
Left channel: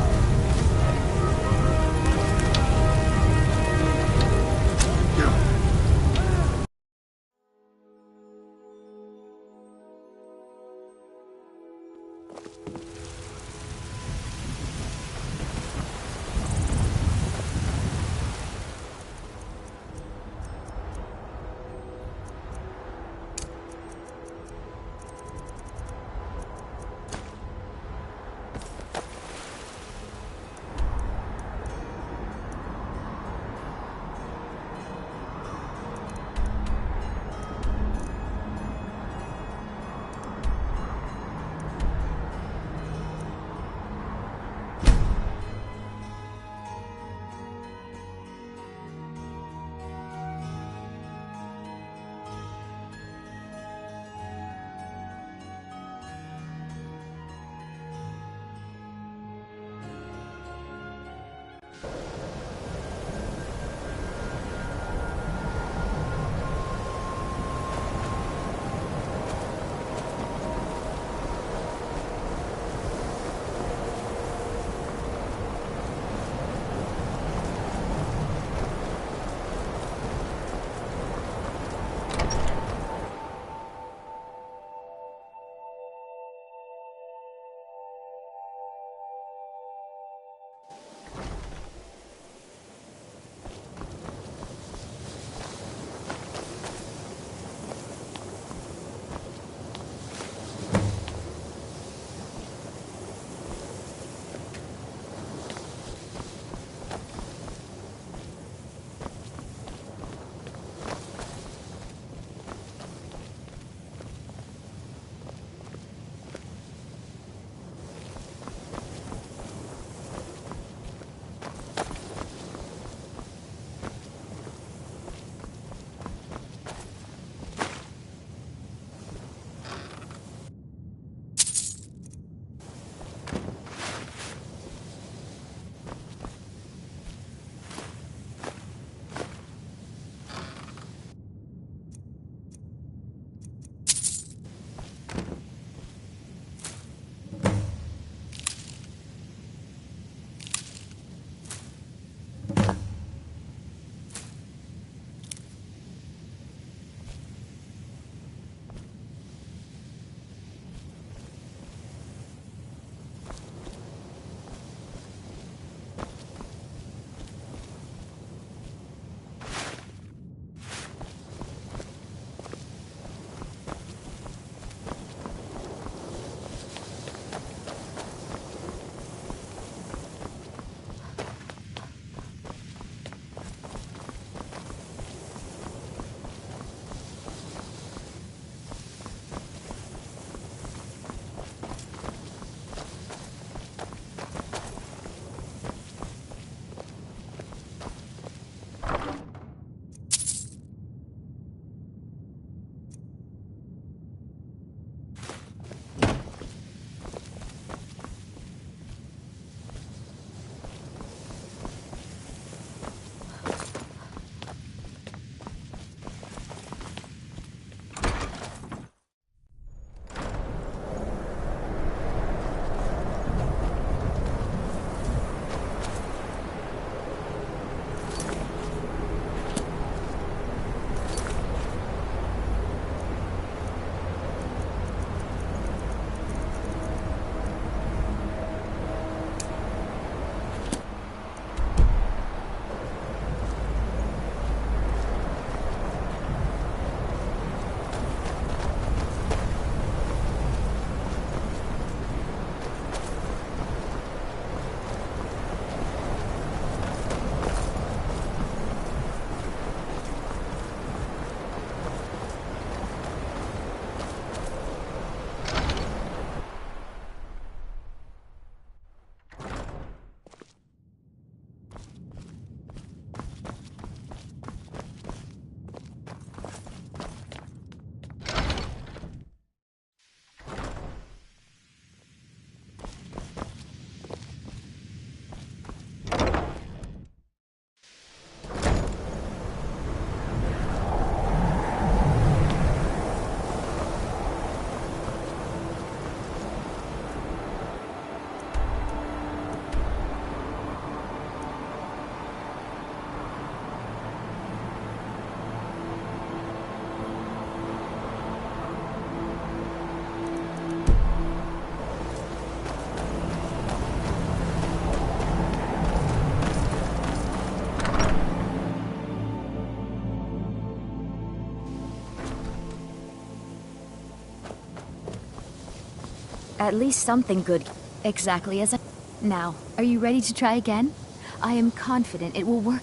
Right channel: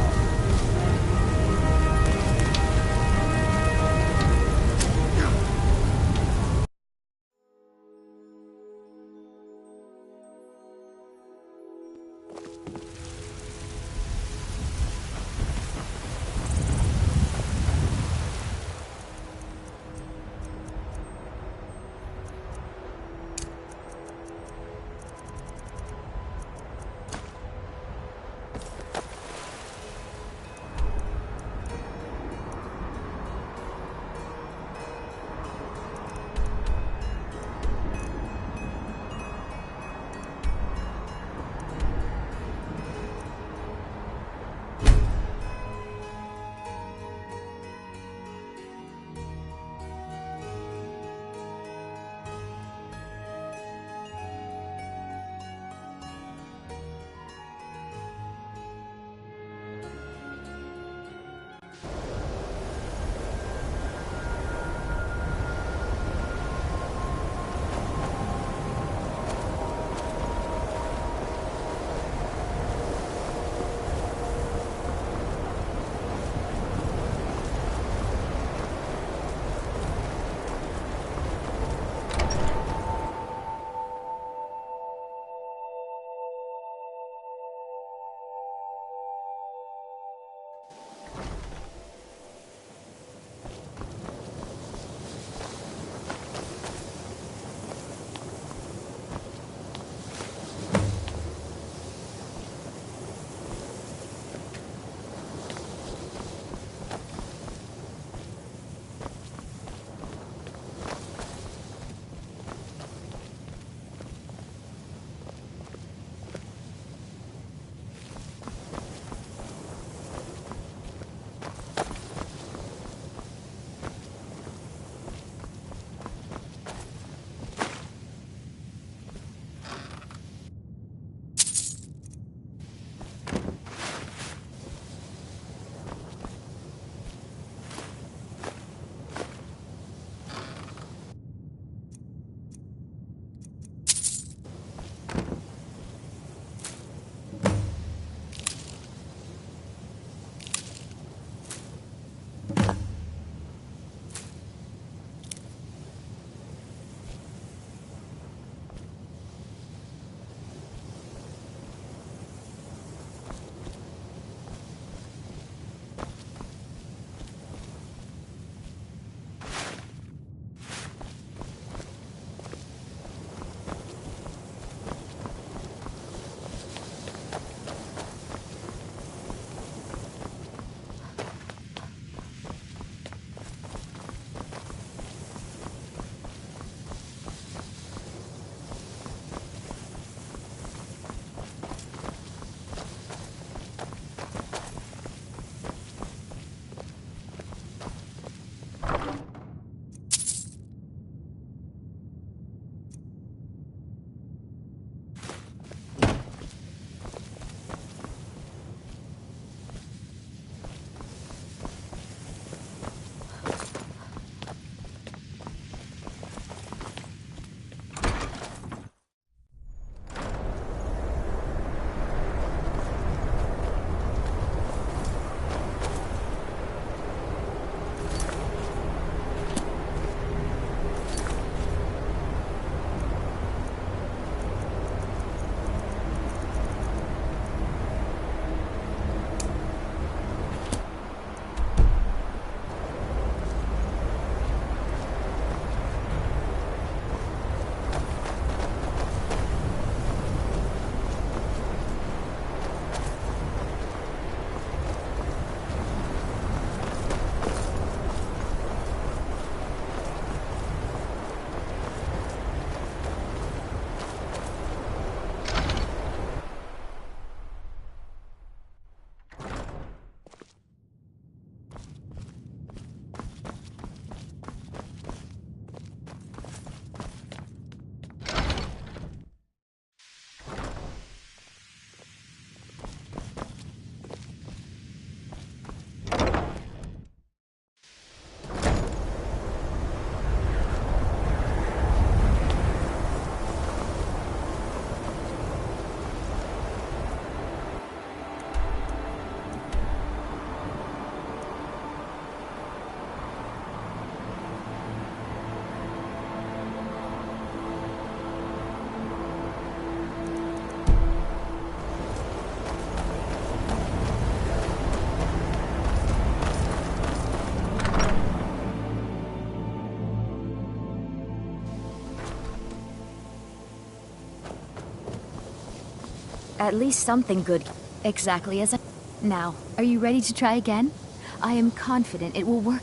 At least something good. Exactly as I... Now, are you ready to try again? I am confident it will work.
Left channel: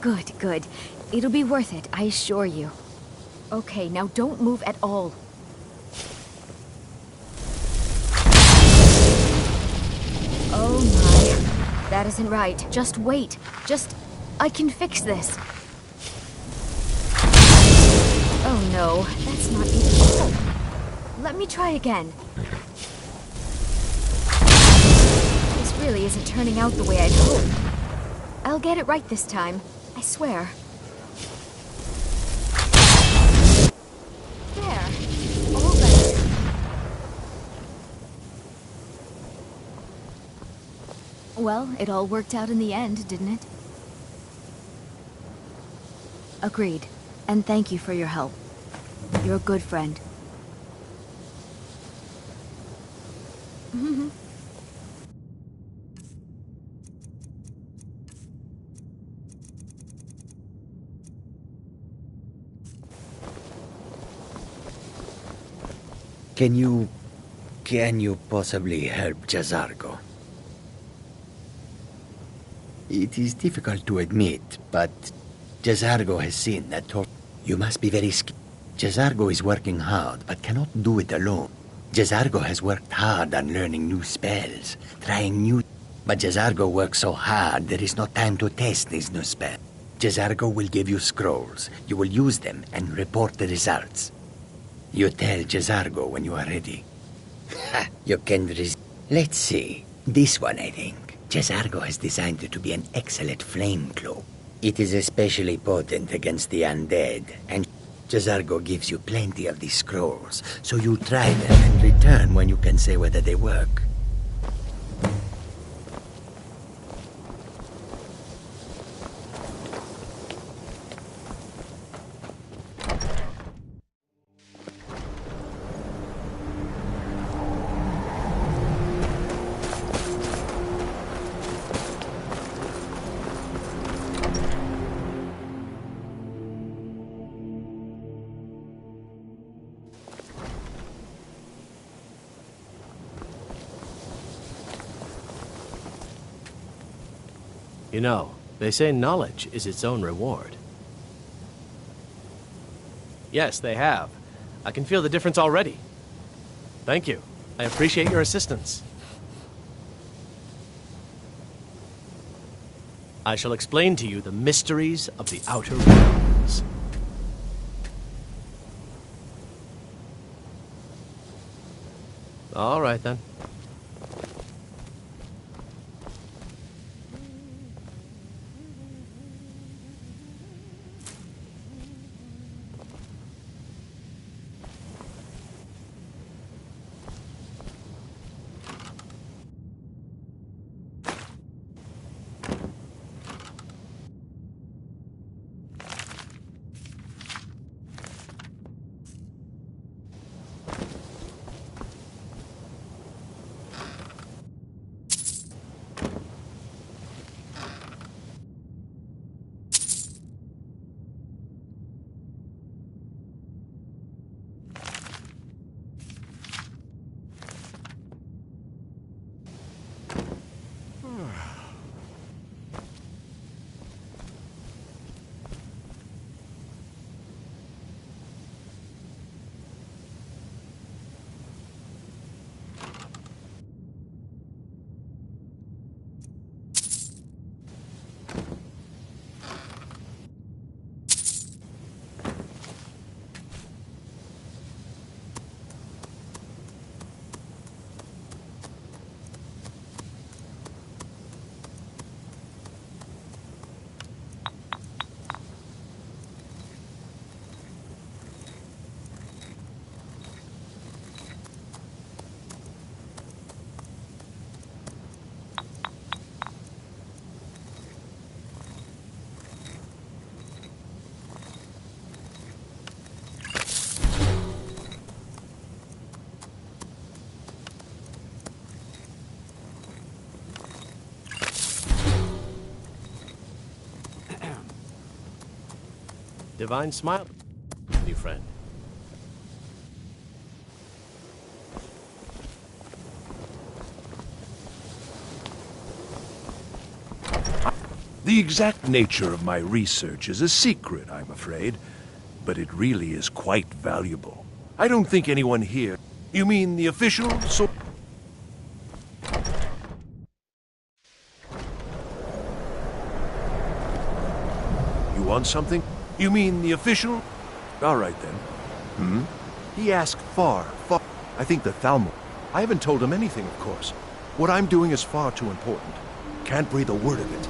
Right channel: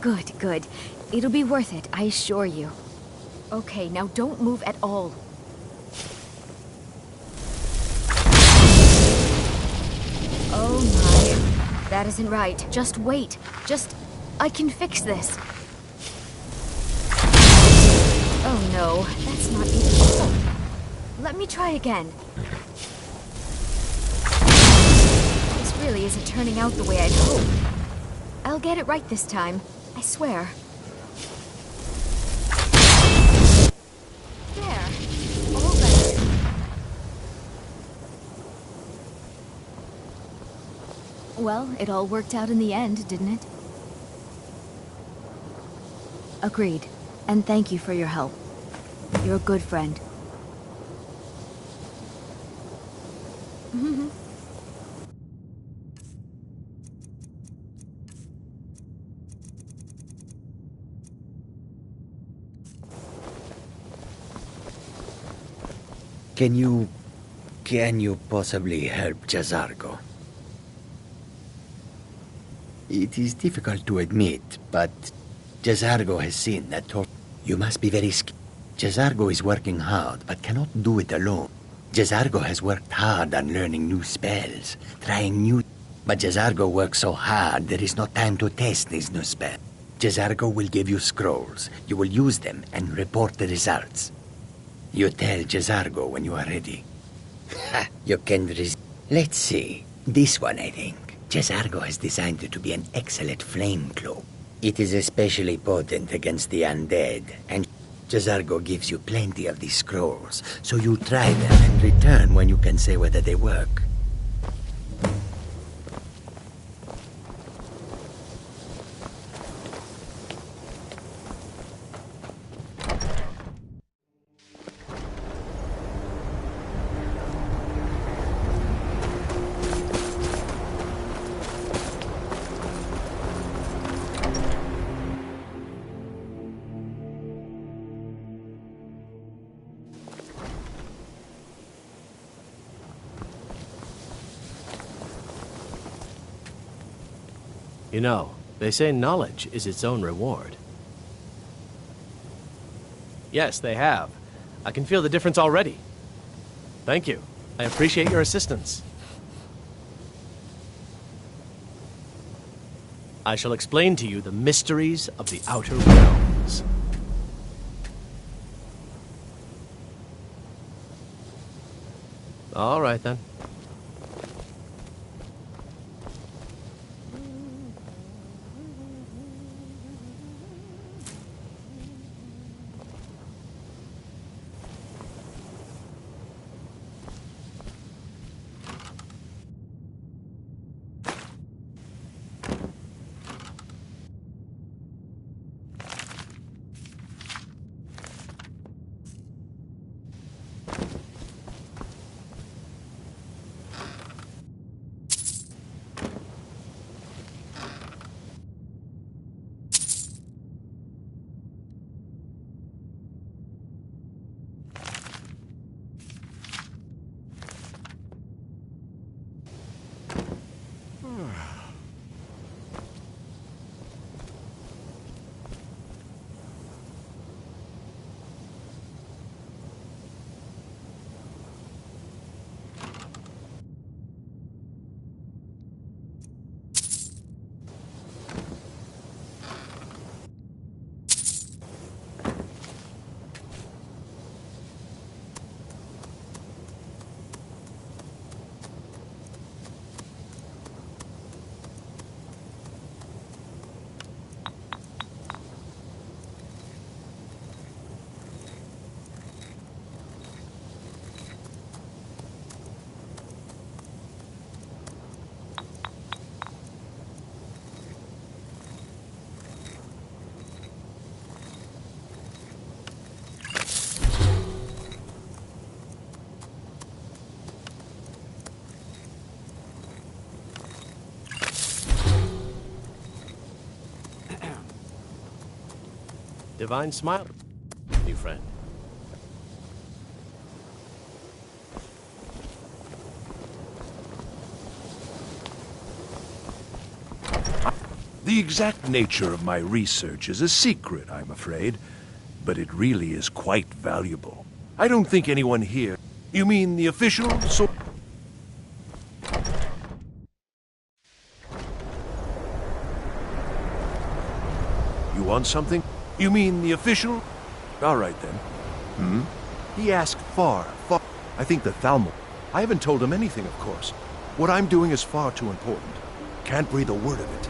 Good, good. It'll be worth it, I assure you. Okay, now don't move at all. Oh my. That isn't right. Just wait. I can fix this. Oh no, that's not even... Oh. Let me try again. This really isn't turning out the way I'd hoped. I'll get it right this time. I swear. There. All better. Well, it all worked out in the end, didn't it? Agreed. And thank you for your help. You're a good friend. Can you possibly help Jazargo? It is difficult to admit, but Jazargo has seen that you must be very skilled. Jazargo is working hard, but cannot do it alone. Jazargo has worked hard on learning new spells, trying new... But Jazargo works so hard, there is no time to test these new spells. Jazargo will give you scrolls. You will use them and report the results. You tell Jazargo when you are ready. Ha! You can Let's see. This one, I think. Jazargo has designed it to be an excellent flame cloak. It is especially potent against the undead, and Jazargo gives you plenty of these scrolls, so you try them and return when you can say whether they work. You know, they say knowledge is its own reward. Yes, they have. I can feel the difference already. Thank you. I appreciate your assistance. I shall explain to you the mysteries of the Outer Realms. All right, then. Divine smile, new friend. The exact nature of my research is a secret, I'm afraid. But it really is quite valuable. I don't think anyone here... You mean the official so... You want something? You mean the official? All right, then. He asked far. I think the Thalmor. I haven't told him anything, of course. What I'm doing is far too important. Can't breathe a word of it.